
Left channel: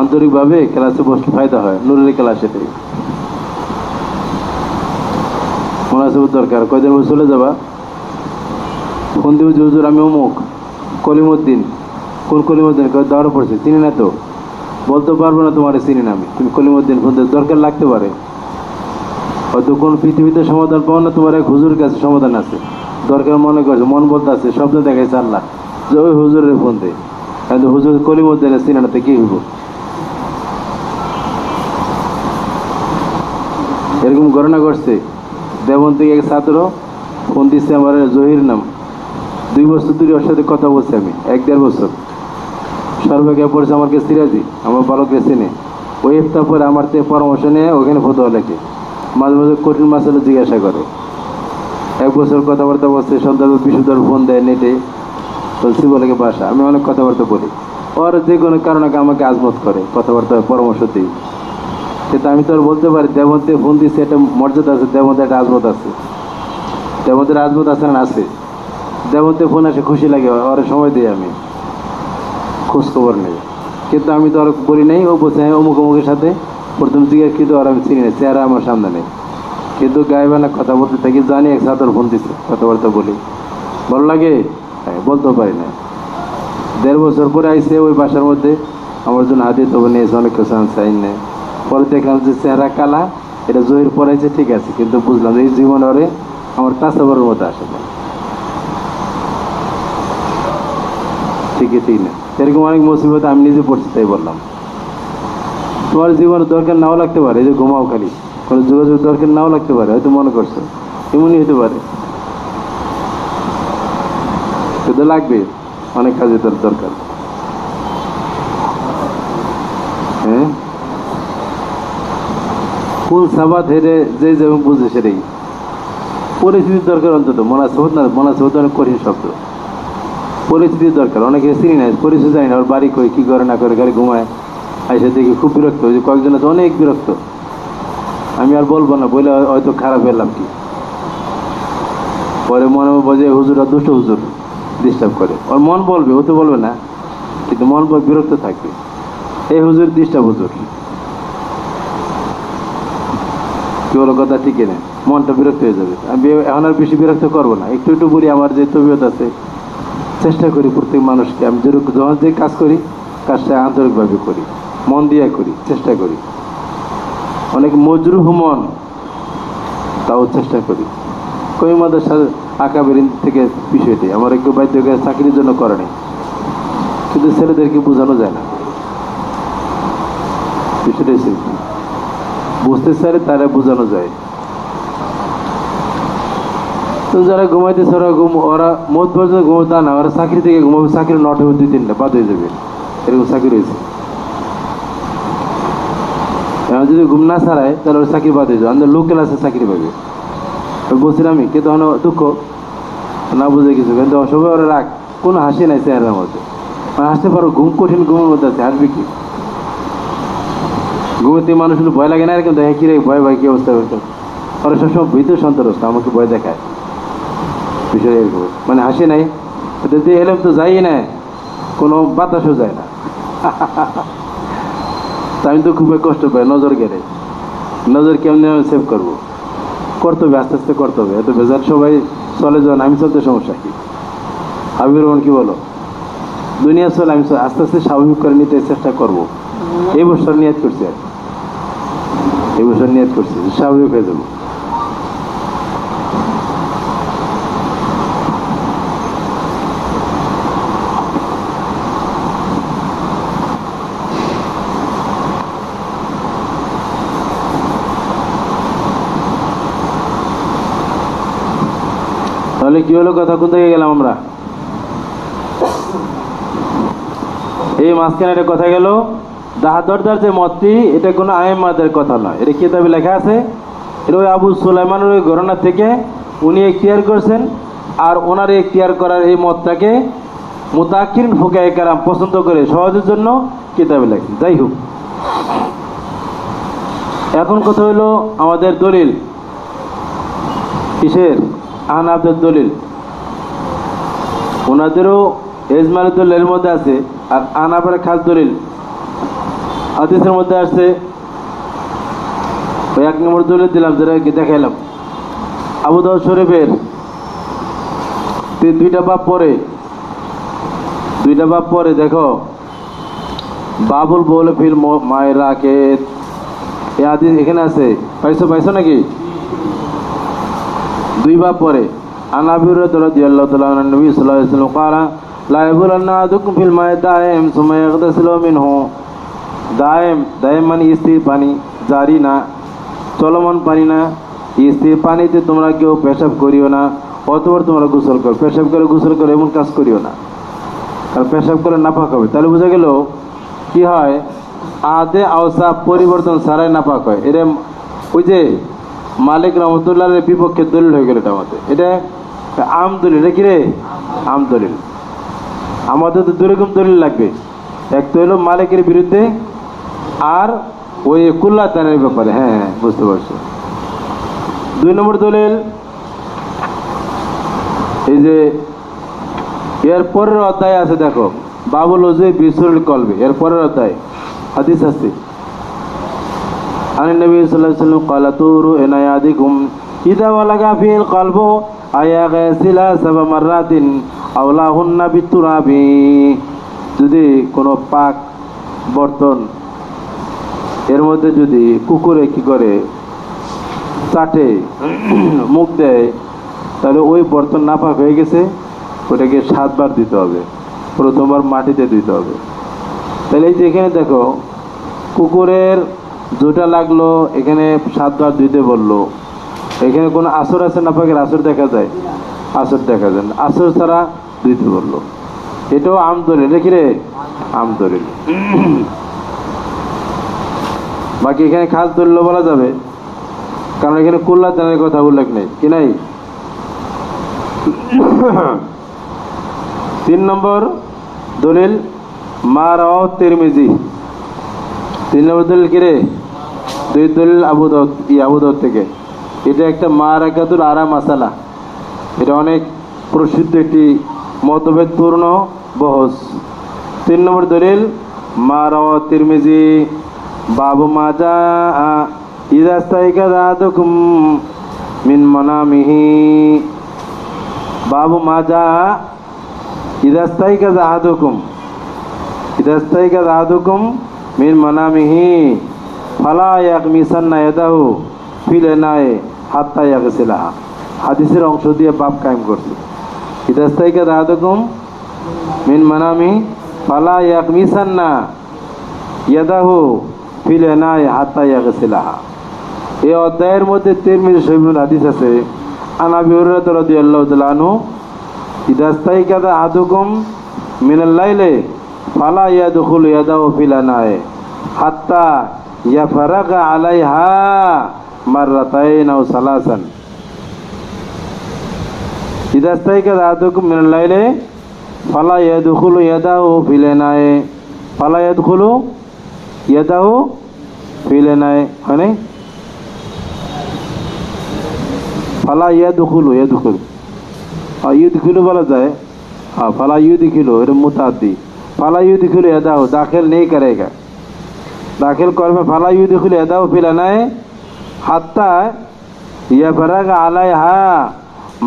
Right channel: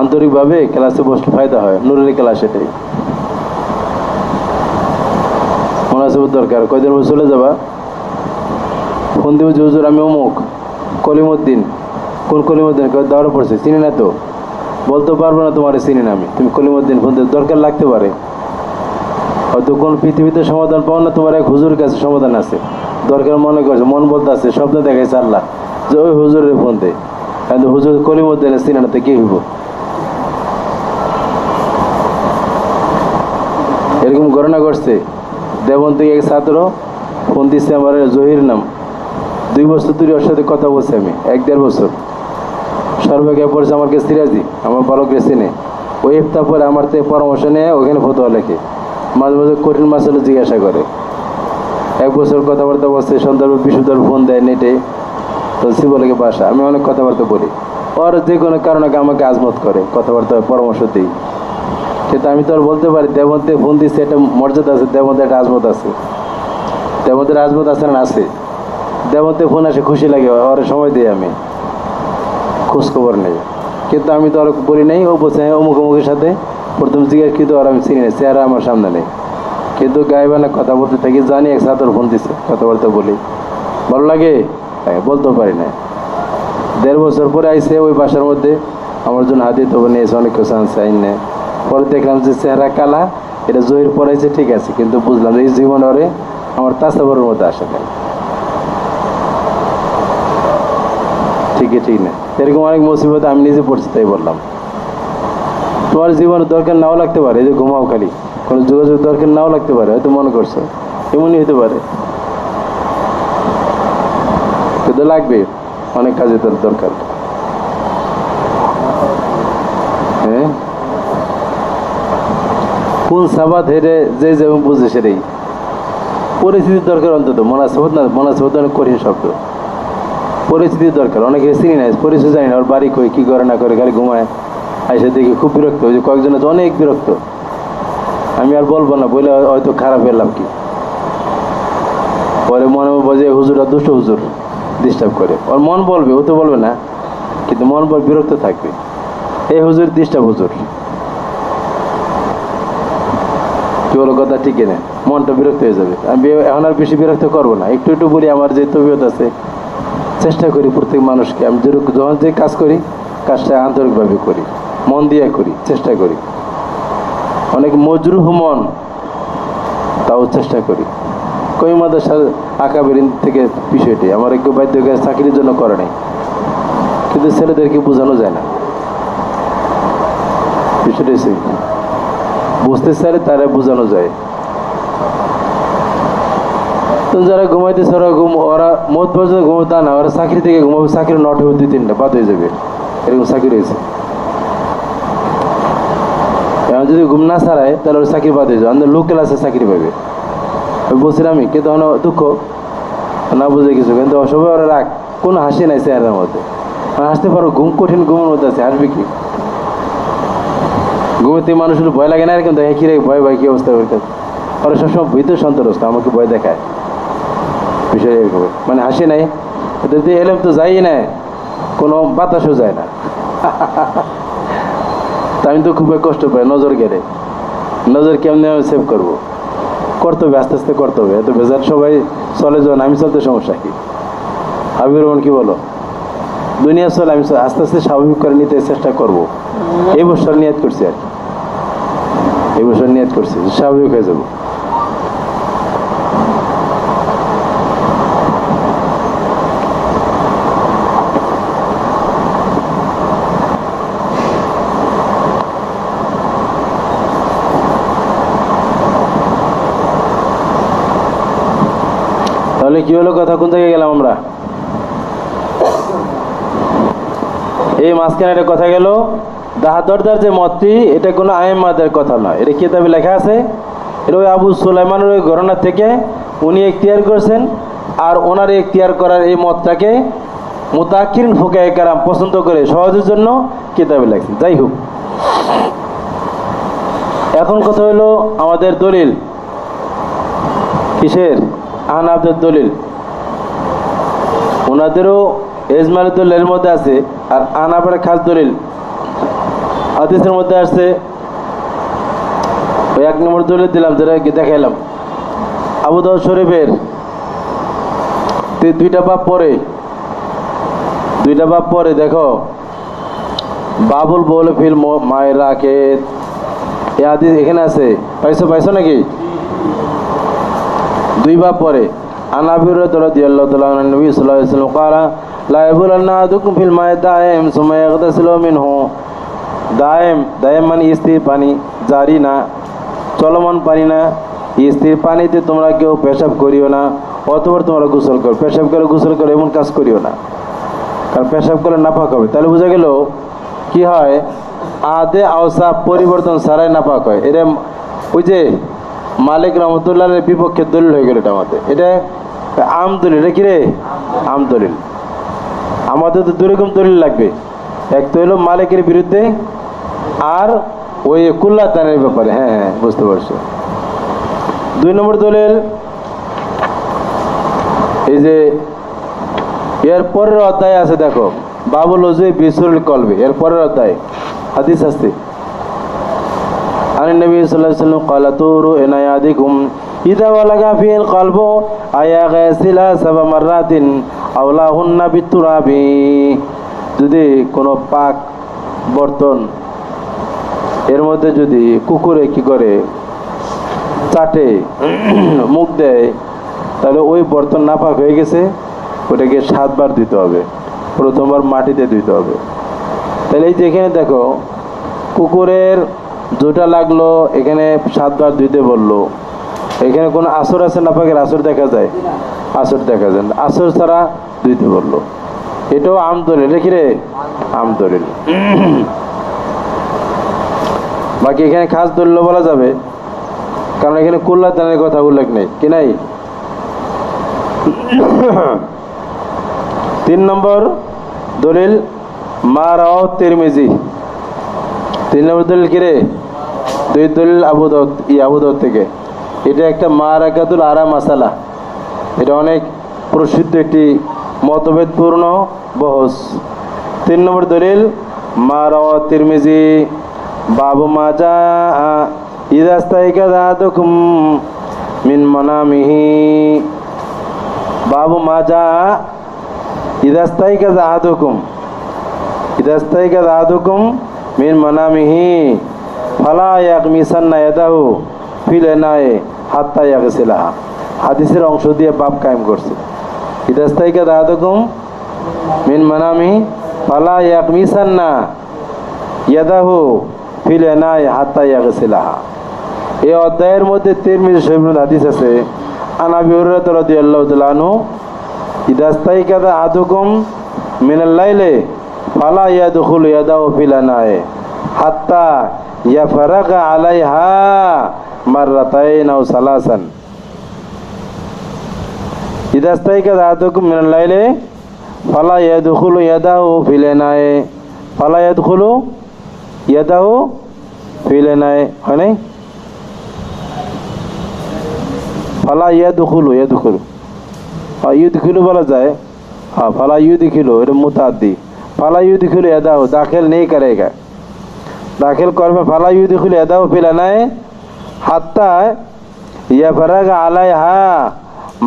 আন্তরিকভাবে ক্লাসে বসলে ফায়দা হয়, নুরের ক্লাস এটাই। মুনাসিবত দরকার, কয়দিন চলে যাবা, ফোন দিব যে হুজুর আমি অমুক কলিমুদ্দিন। কোন কলিমুদ্দিন? দাওয়ার পড়ছে, চিনি না তো, বলতে পারবো না তোমার চিনি না আমি। তুমি কলিমুদ্দিন ফোন দিতে দরকার লাগতে পারে, হয়তো কোন পৃথিবীতে সমাধান পাও না, তোমার এক হুজুরের কাছে সমাধান আছে, দরকার মনে করছে, মন বলতে আছে, স্বপ্ন দেখাইছে আল্লাহ যে ওই হুজুরের ফোন দেয়, কিন্তু হুজুর কলিমুদ্দিনের চিনি না, তো কি হইব? এরকম ঘটনা ঘটছে। দেবন থেকে এক ছাত্র ফোন দিচ্ছে আমার, জহির নাম, 2 বছর ধরে ওর সাথে কথা বলছি আমি, 1-1.5 বছর। সর্বজ্ঞ পড়ছে আমাকে সিরাজি, আমার বালকরে চিনে। ওই ইফতার পরে আমার থেকে পরামর্শ নিয়ে ওখানে ফতোয়া লেখে, মাঝে মাঝে কঠিন মাসালা জিজ্ঞাসা করে। 1 বছর কথাবার্তা বলছে, সন্ধ্যা বিশুদ্ধ ফোন দেয় নেটে, তো শিবলেকে বাসা। আমি অনেক কথাবার্তা বলি, ওর যে কোনো কারণে আমাকে আজমত করে, কথাবার্তা পরামর্শ দিই। কিন্তু আমি তো আর বলতে পারি দেবন্তে ফোন দিচ্ছে, একটা মর্যাদা আছে, দেবন্তে একটা আজমত আছে, দেবন্তের আজমত আছে না? আছে। দেবন্তে ফোন আসে, খুশি লাগে, ওর সময় দিই আমি, খোঁজখবর নেই। কিন্তু আমি তো আর বলি নাই, ও বলছে অমুক অমুকের সাথে প্রথম জিজ্ঞেস, কিন্তু আর আমি চিনি না, চেহারা আমার সামনে নেই, কিন্তু গায়েবানা কথা বলতে থাকি, জানি এক ছাত্র ফোন দিচ্ছে, কথাবার্তা বলি, ভালো লাগে, বলতে পারি না। 1.5 বছর পরে আইসে ওই বাসার মধ্যে আমার জন্য হাদিয়া তবে নিয়েছে, অনেক কিছু আনছে, আইন নেয়। পরে দেখলাম যে চেহারা কালা, এটা জহির পড়াইছে ঠিক আছে, কিন্তু বুঝলাম এই জীবন ওরে আমার তাসাবরের মধ্যে আসে না, ঠিক না? এরকম অনেক মুসিবত আমি নিজে পড়ছি, তাই বললাম। তোমার জীবনের দরকার নাও লাগতে পারে, এই যে ঘুমাও খালি, কোনো যোগাযোগ দরকার নাও লাগতে পারে, হয়তো মনে করছো এমনই হতে পারে, কিন্তু লাগবে, অনেক কাজে তোর দরকার। হ্যাঁ, কোন সাবাত হেরে যে যেমন বুঝে সেটাই পরিস্থিতির দরকার। অন্তত মনাসবত না, মনাসবত অনেক কঠিন শব্দ। পরিস্থিতির দরকার, অনেকে চিনি না, পরিচয় জানি না, ওর বাড়ি কই, কি করে না করে, খালি ঘুমায়, আইসা দেখি খুব বিরক্ত হয়েছে, কয়েকজন তো অনেক বিরক্ত। আমি আর বলবো না, বলে হয়তো খারাপ এলাম কি, পরে মনে বোঝে হুজুর আর দুষ্ট হুজুর ডিস্টার্ব করে, ওর মন বলবে, ও তো বলবে না, কিন্তু মন বিরক্ত থাকবে, এই হুজুর ডিস্টার্ব হুজুর, কি বলো কথা, ঠিক না? মনটা বিরক্ত হয়ে যাবে। আমি এখন আর বেশি বিরক্ত করবো না, একটু একটু বলি, আমার যে তবিয়ত আছে, চেষ্টা করি প্রত্যেক মানুষকে, আমি যখন যে কাজ করি, কাজটা আন্তরিকভাবে করি, মন দিয়ে করি, চেষ্টা করি। অনেক মজরুহ মন, তাও চেষ্টা করি। কই মাদ্রাসার আকাবেরিন থেকে বিষয়টি আমার একটু বাধ্য করে চাকরির জন্য করে নাই, কিন্তু ছেলেদেরকে বোঝানো যায় না বিষয়টা, বুঝতে চাইলে তারা বোঝানো যায়। তো যারা ঘুমাইতেছে ওরা মত পর্যন্ত ঘুমাবে তা না, ওরা চাকরি থেকে ঘুমাবে, চাকরি নট হবে 2-3টা বাদ হয়ে যাবে, এরকম চাকরি রয়েছে। এখন যদি ঘুম না ছাড়ায় তাহলে ওর চাকরি বাদ হয়ে যাবে, আমাদের লোকেল আছে চাকরি পাবে। বলছিলাম আমি, কিন্তু দুঃখ না বুঝে কিছু, কিন্তু সবাই ওরা রাখ, কোনো হাসি নাই চেহারার মধ্যে, হাসতে পারো, ঘুম কঠিন ঘুমের মধ্যে আছে, হাসবে কি? ঘুমোতে মানুষের ভয় লাগে না, কিন্তু কি রে ভয় ভয়, কি অবস্থা হয়েছে, ওরা সবসময় ভিতরে সন্তরস্ত, আমাকে ভয় দেখায়, বিষয় এরকম, মানে হাসি নাই, এলাম তো যাই না, কোনো বাতাসও যায় না। তা আমি তো খুবই কষ্ট পাই, নজর গেলে, নজর কেমনি সেভ করবো, করতে হবে, আস্তে আস্তে করতে হবে, এত বেজার সবাই চলে যান, আমি চলতে সমস্যা কি? হাবিবুর রহমান কি বলো, দুনিয়া চলে, আমি আস্তে আস্তে স্বাভাবিক করে নিতে চেষ্টা করবো। এই বছর নিয়ত করছি, আর এই বছর নিয়ত করছি স্বাভাবিক হয়ে যাবো। তাহলে কি হলো, কথা কোন থেকে গেলাম আমরা? এই মাঝখানে একটা কথা গেল, দাহাদরদার যে মতটি, এটা কোনো আইমাদের কথা নয়, এটা কিতাবে লেখা আছে, এটা ওই আবু সুলাইমানের ওই ঘটনা থেকে উনি এখতিয়ার করছেন, আর ওনার এখতিয়ার করার এই মতটাকে মুতাকিরিন ফুকায়ে কেরাম পছন্দ করে সহজের জন্য কিতাবে লেখেন। যাই হোক, এখন কথা হলো আমাদের দলিল, কিসের? আহনাফদের দলিল। ওনাদেরও এজমালের দলিলের মধ্যে আছে, আর আহনাফের খাস দলিল হাদিসের মধ্যে আসছে। ওই 1 নম্বর দলিল দিলাম, যেটা দেখাইলাম, আবু দাউদ শরীফের 2টা বাব পরে দেখো, বাবুল বলে ফিল মায়ের রাখে, এই হাদিস এখানে আছে, পাইছো নাকি? 2 বাব পরে, আন আবি হুরায়রা রাদিয়াল্লাহু তাআলা আন নবী সাল্লাল্লাহু আলাইহি ওয়াসাল্লাম ক্বালা লা ইয়াবুলান্না আহাদুকুম ফিল মা'i দাইম সুম্মা ইয়াগতাসিলু মিনহু। দাইম মানে স্থির পানি, জারি না, চলমান পানি না, স্থির পানিতে তোমরা কেউ পেশাব করিও না, অতঃপর তোমরা গোসল করো। পেশাব করে গোসল করো এমন কাজ করিও না, কারণ পেশাব করে নাপাক হবে। তাহলে বোঝা গেল কি হয়, আদে আওসা পরিবর্তন ছাড়াই নাপাক হয়। এটা ওই যে মালিক রহমতুল্লাহের বিপক্ষে দলিল হয়ে গেল, এটা আমাদের, এটা আম দলিল। এটা কি রে? আম দলিল। আমাদের তো 2 রকম দলিল লাগবে, এক তো হলো মালিকের বিরুদ্ধে, আর ওই কুল্লাতানের ব্যাপারে। হ্যাঁ, বুঝতে পারছো। 2 নম্বর দলিল, এই যে এর পরের অধ্যায় আছে, দেখো, বাবুল ওযু বিসুরুল কলবে, এর পরের অধ্যায় হাদিস আছে। আন নবী সাল্লাল্লাহু আলাইহি ওয়াসাল্লাম ক্বালা তুরু ইনায়াদিকুম ইযা ওয়ালাগা ফিল কলবু আয়াগাসিলা 7 মাররাতিন আওলাহুন্না বিতুরাবি। যদি কোনো পাক বর্তন এর মধ্যে যদি কুকুরে কি করে চাটে, মুখ দেয়, তাহলে ওই বর্তন নাপাক হয়ে গেছে, ওটাকে 7 বার দিতে হবে। প্রথমবার মাটিতে দিতে হবে। তাহলে এই যে এখানে দেখো, কুকুরের জোটা লাগলো, এখানে 7 বার দিতে বললো। এখানে কোনো আসর আছে নাপাকের? আসর দেখা যায়? আসর দেখা যায় না, আসর ছাড়া দিতে বললো। এটাও আমদলিল, রেখে রে আমদলিল। বাকি এখানে খাস দলিল বলা যাবে, কারণ এখানে কুল্লা দানের কথা উল্লেখ নেই, কি নাই? 3 নম্বর দলিল মা রাওয়াহ তিরমিজি। 3 নম্বর দলিল কি রে? 2 দলিল আবু দাউদ থেকে। এটা একটা মা রাকাতুল আরা মাসালা, এটা অনেক প্রসিদ্ধ একটি মতভেদপূর্ণ বহস। 3 নম্বর দলিল মা রাওয়াহ তিরমিজি বাবু মা জাআ ইযা ইস্তাইকাযা আহাদুকুম মিন মানামিহি। বাবু মা জাআ ইযা ইস্তাইকাযা আহাদুকুম মিন মানামিহি ফালা ইয়াগমিসান্না ইয়াদাহু ফিল ইনায়ে হাত্তা ইয়াগসিলাহা। হাদিসের অংশ দিয়ে বাব কায়েম করছে। ইযা ইস্তাইকাযা আহাদুকুম মিন মানামিহি ফালা ইয়াগমিসান্না ইয়াদাহু ফিল ইনায়ে হাত্তা ইয়াগসিলাহা। এই অধ্যায়ের মধ্যে তিরমিজি শরীফের হাদিস আছে। আন আবি হুরায়রা রাদিয়াল্লাহু তাআলা আনহু ইযা ইস্তাইকাযা আহাদুকুম মিনাল লাইলি ফালা ইয়াদখুলু ইয়াদাহু ফিল ইনায়ে হাত্তা ইয়াফরাগা আলাইহা মাররাতাইন আও সালাসান। ইযা ইস্তাইকাযা আহাদুকুম মিনাল লাইলি ফালা ইয়াদখুলু ইয়াদাহু ফিল ইনায়ে ফালা ইয়াদখুলু ইয়াদাহু ফিল ইনায়ে, হয় নাই? ফালা ইয়াদখুলু ইউদখিলু বলা যায়। हाँ फला युदखिलु, এটা মুতাদ্দি। ফালা ইউদখিলু ইয়াদাহু দাখিল नहीं करेगा, दाखिल करবে। ফালা ইউদখিলু ইয়াদাহু ফিল ইনায়ে হাত্তা ইয়াফরাগা আলাইহা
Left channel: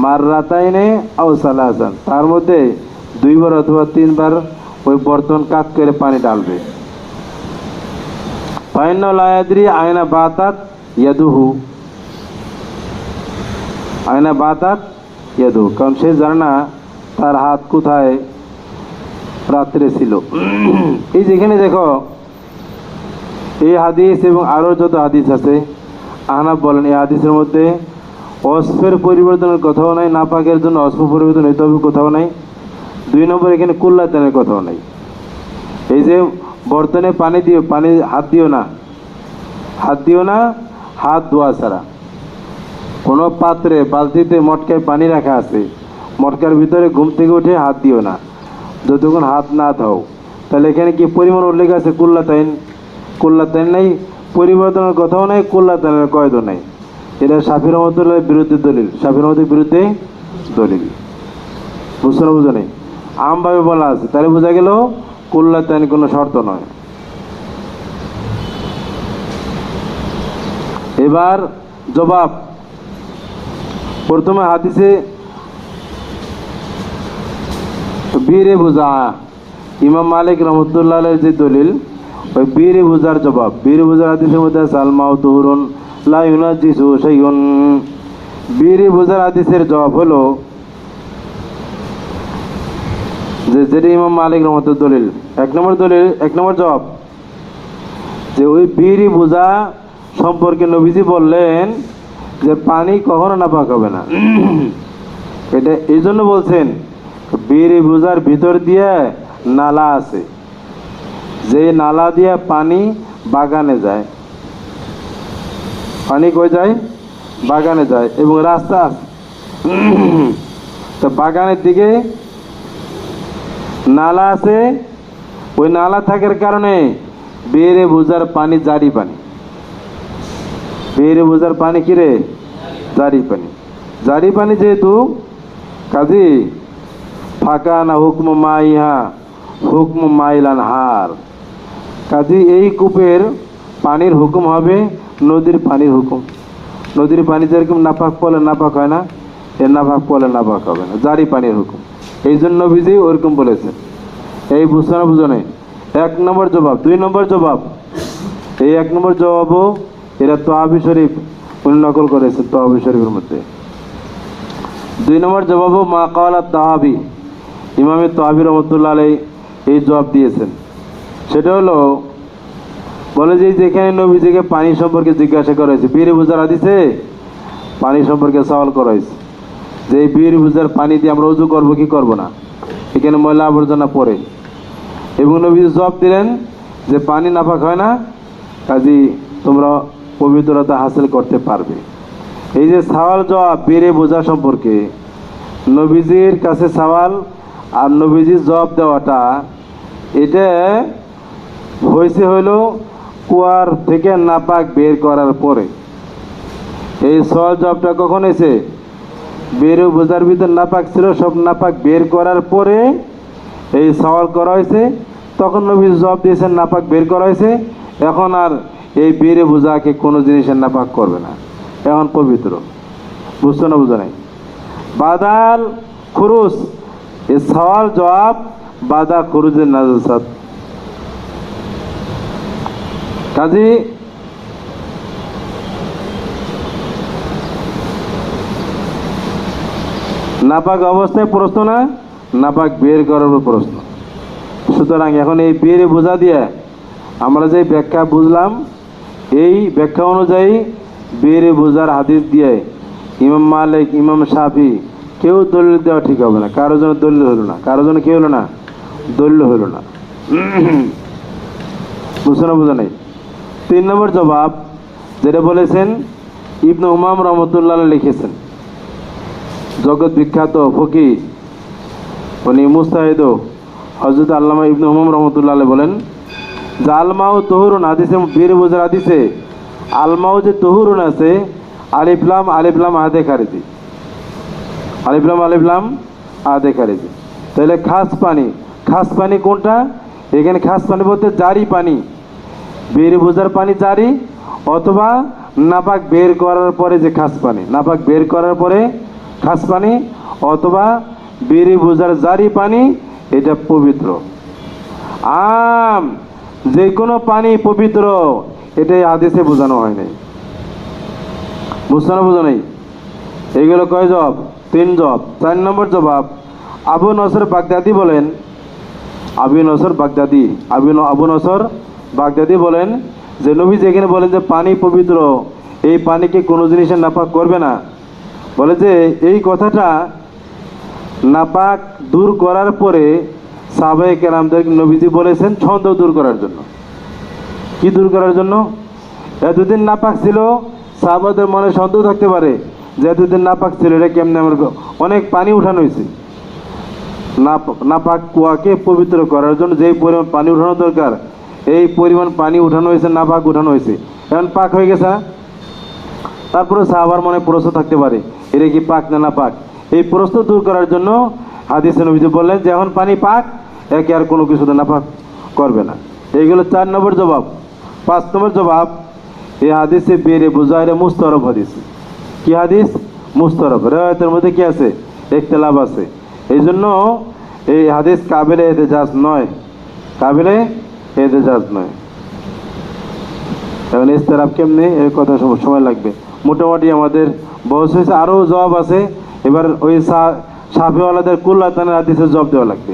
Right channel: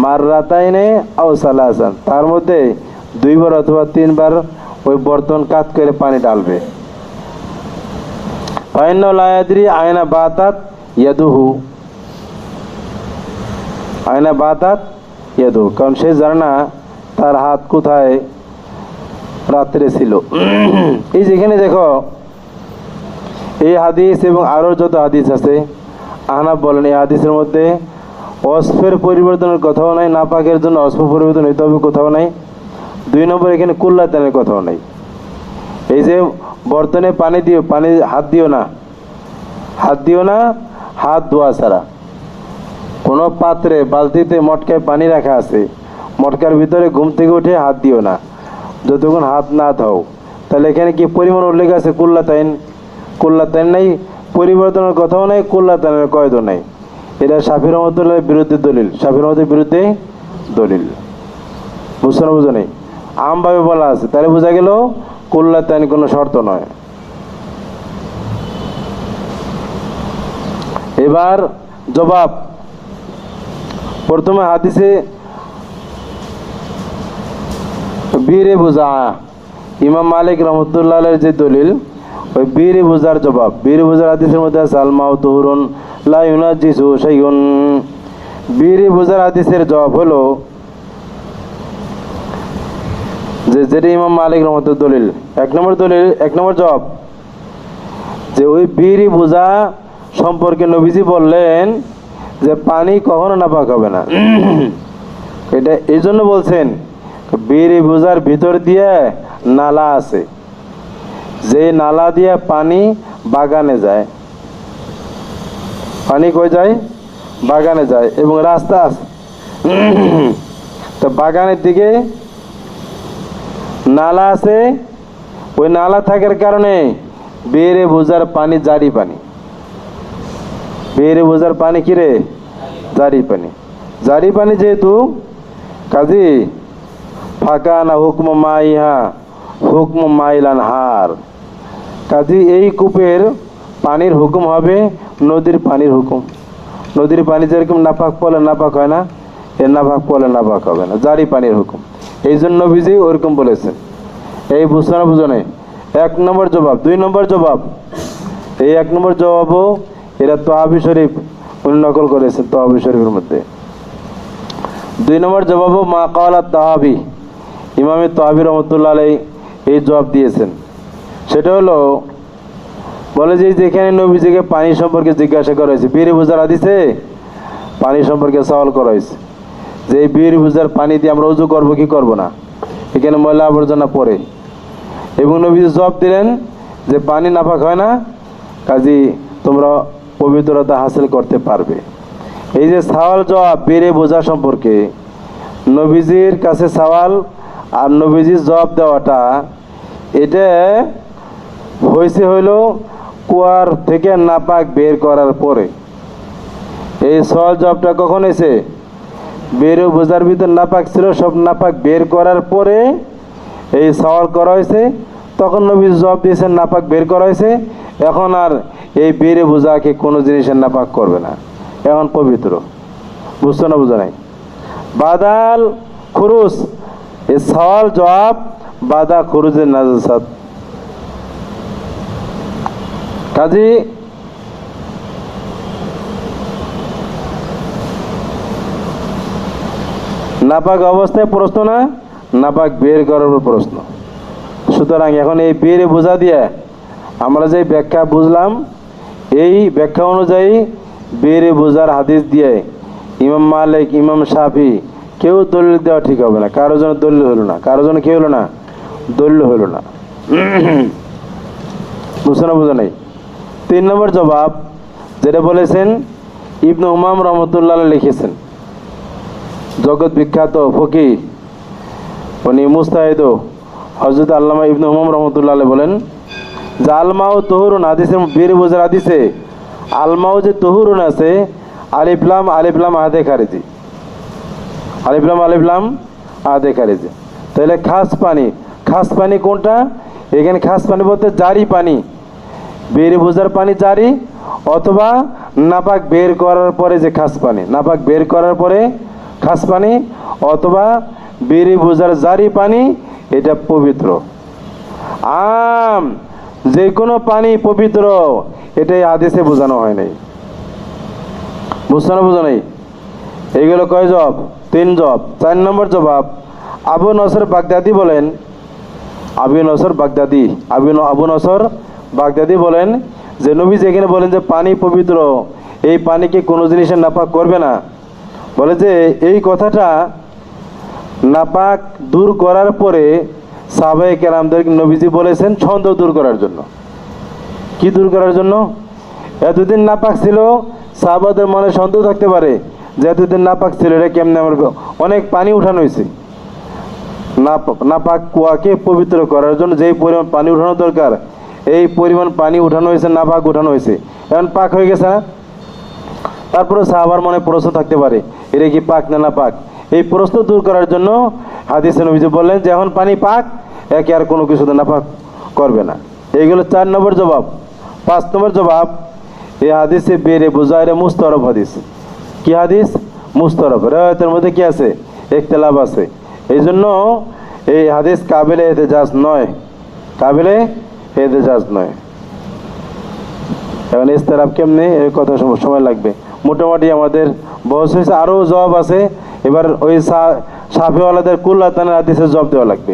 মাররাতাইনে আও সালাসান। তার মধ্যে 2 বার অথবা 3 বার ওই বর্তন কাত করে পানি ডালবে। ফাইন্নাহু লা ইয়াদরি আইনা বাতাত ইয়াদুহু, আইনা বাতাত ইয়াদুহু, কারণ সে জানে না তার হাত কোথায় রাত্রে ছিল। এই যেখানে দেখো এই হাদিস এবং আরো যত হাদিস আছে, আহনাফ বলেন এই হাদিসের মধ্যে অস্ফের পরিবর্তনের কথাও নাই, নাপাকের জন্য অস্ফ পরিবর্তন হইতে হবে কোথাও নাই। 2 নম্বর এখানে কুল্লাতানের কথাও নাই। এই যে বর্তনে পানি দিও, পানি হাত দিও না, হাত ধোয়া ছাড়া। কোনো পাত্রে বালতিতে মটকায় পানি রাখা আছে, মটকার ভিতরে ঘুম থেকে উঠে হাত দিও না যতক্ষণ হাত না ধাও। তাহলে এখানে কি পরিমাণ উল্লেখ আছে? কুল্লাতাইন নাই, পরিবর্তনের কথাও নাই, কুল্লাতাইনের কয়দও নাই। এটা শাফিঈ রাহমাতুল্লাহর বিরুদ্ধে দলিল, শাফিঈ রাহমাতুল্লাহর বিরুদ্ধে দলিল। বুঝো নেই, আমভাবে বলা আছে, তাহলে বোঝা গেল কুল্লাতাইন কোনো শর্ত নয়। এবার জবাব। প্রথমে হাদিসে বীরে বুঝা, ইমাম মালিক রহমতুল্লাহ যে দলিল, ওই বীরে বুঝার জবাব। বীরে বুঝার হাদিসের মধ্যে সালমাউ তুহুরুন লা ইউনাজিসু শাইউন। বীরে বুঝার হাদিসের জবাব হলো যে যেটা ইমাম মালিক রহমতুল্লাহ দলিল, 1 নম্বর দলিল, 1 নম্বর জবাব যে ওই বীরে বুঝা সম্পর্কে নবীজি বললেন যে পানি কখনো নাপাক হবে না। এটা এই জন্য বলছেন, বীর বুজার ভিতর দিয়ে নালা আছে, যে নালা দিয়ে পানি বাগানে যায়। পানি কই যায়? বাগানে যায়, এবং রাস্তা আছে। তো বাগানের দিকে নালা আছে, ওই নালা থাকার কারণে বেড়ে বোঝার পানি জারি পানি। বেড়ে বোঝার পানি কিরে? জারি পানি। জারি পানি যেহেতু, কাজী ফাঁকা না হুকম মাইহা হুকম মাইলান হার, কাজী এই কূপের পানির হুকুম হবে নদীর পানির হুকুম। নদীর পানি যেরকম নাপাক পড়লে নাপাক হয় না, এর নাপাক পড়লে নাপাক হবে না, জারি পানির হুকুম। এই জন্য নবীজি ওরকম বলেছেন। এই বুঝছো না? বুঝো নাই? 1 নম্বর জবাব। 2 নম্বর জবাব, এই 1 নম্বর জবাবও এরা তহাবি শরীফ উনি নকল করেছে, তহাবি শরীফের মধ্যে। দুই নম্বর জবাব মা কালা তাহাবি, ইমামে তাহাবি রহমতুল্লাহ আলাই এই জবাব দিয়েছেন। সেটা হলো, বলে যে যেখানে নবীজিকে পানি সম্পর্কে জিজ্ঞাসা করা হয়েছে, বীর বুজার হাদিসে পানি সম্পর্কে সওয়াল করা হয়েছে যে এই বীর বুজার পানি দিয়ে আমরা উজু করবো কি করবো না, এখানে ময়লা আবর্জনা পড়ে, এবং নবীজি জবাব দিলেন যে পানি নাপাক হয় না, কাজী তোমরা পবিত্রতা হাসিল করতে পারবে। এই যে সওয়াল জবাব বেড়ে বোঝা সম্পর্কে, নবীজির কাছে সওয়াল আর নবীজির জবাব দেওয়াটা, এটা হয়েছে হইল কুয়ার থেকে নাপাক বের করার পরে। এই সওয়াল জবাবটা কখন হয়েছে? বেড়ে বোঝার ভিতর নাপাক ছিল, সব নাপাক বের করার পরে এই সওয়াল করা হয়েছে। তখন নবীজি জবাব দিয়েছেন নাপাক বের করা হয়েছে, এখন আর এই বেড়ে বোঝাকে কোনো জিনিসের নাপাক করবে না, এখন পবিত্র। বুঝছো না? বুঝো নাই? বাদাল খুরুজ, এই সওয়াল জবাব বাদা খুরুজের নাজাসাত। কাজী নাপাক অবস্থায় প্রশ্ন না, নাপাক বের করার প্রশ্ন। সুতরাং এখন এই বের বোঝা দিয়ে আমরা যে ব্যাখ্যা বুঝলাম, এই ব্যাখ্যা অনুযায়ী বের বোঝার হাদিস দিয়ে ইমাম মালিক, ইমাম শাফি কেউ দলিল দেওয়া ঠিক হবে না। কারো জন্য দলিল হলো না, কারো জন্য কি হলো না? দলিল হলো না। বুঝছো না? বুঝো নাই? 3 নম্বর জবাব যেটা বলেছেন ইবনে উমাম রহমতুল্লাহ লিখেছেন, জগৎ বিখ্যাত ফকিহ, উনি মুস্তাহিদ হযরত আল্লামা ইবনে উমাম রহমতুল্লাহ বলেন যে আলমাউ তহুরুন, হাদিসে বের বোঝার হাদিসে আলমাউ যে তহুরুন আছে, আলিফ লাম আদে খারিজি, আলিফ লাম আদে খারিজি। তাহলে খাস পানি, খাস পানি কোনটা? এখানে খাস পানি বলতে জারি পানি, বের বোঝার পানি জারি, অথবা নাপাক বের করার পরে যে খাস পানি, নাপাক বের করার পরে খাস পানি, অথবা বের বোঝার জারি পানি, এটা পবিত্র। যে কোনো পানি পবিত্র, এটাই হাদিসে বোঝানো হয় নাই। বুঝছো না? বুঝো নাই? এইগুলো কয় জবাব? 3 জবাব। 4 নম্বর জবাব আবু নসর বাগদাদি বলেন, আবু নসর বাগদাদি বলেন যে নবী যেখানে বলেন যে পানি পবিত্র, এই পানিকে কোনো জিনিসের নাপাক করবে না, বলে যে এই কথাটা নাপাক দূর করার পরে সাহাবায়ে কেরামদের নবীজি বলেছেন ছন্দ দূর করার জন্য। কি দূর করার জন্য? এতদিন নাপাক ছিল, সাহাবাদের মনে সন্দেহ থাকতে পারে যে এতদিন নাপাক ছিল, এটা কেমনে, আমার অনেক পানি উঠানো হয়েছে, নাপাক কুয়াকে পবিত্র করার জন্য যেই পরিমাণ পানি উঠানো দরকার, এই পরিমাণ পানি উঠানো হয়েছে, নাপাক উঠানো হয়েছে, এখন পাক হয়ে গেছে। তারপরে সাহাবার মনে প্রশ্ন থাকতে পারে এটা কি পাক না নাপাক, এই প্রশ্ন দূর করার জন্য হাদিসে নবীজি বললেন যে এখন পানি পাক, একে আর কোনো কিছুতে নাপাক করবে না। এইগুলো 4 নম্বর জবাব। 5 নম্বর জবাব, এই হাদিসে বেরে বোঝায় মুস্তরব হাদিস। কি হাদিস? মুস্তরব। রিওয়ায়াতের মধ্যে কি আছে? ইখতিলাফ আছে। এই জন্য এই হাদিস কাবিলে এহতেজাজ নয়, কাবিলে এহতেজাজ নয়। এখন ইস্তেরাব কেমনে, এর কথা সময় লাগবে। মোটামুটি আমাদের বয়স হয়েছে, আরও জবাব আছে। এবার ওই শাফিওয়ালাদের কুল্লাতানের হাদিসের জবাব দেওয়া লাগবে।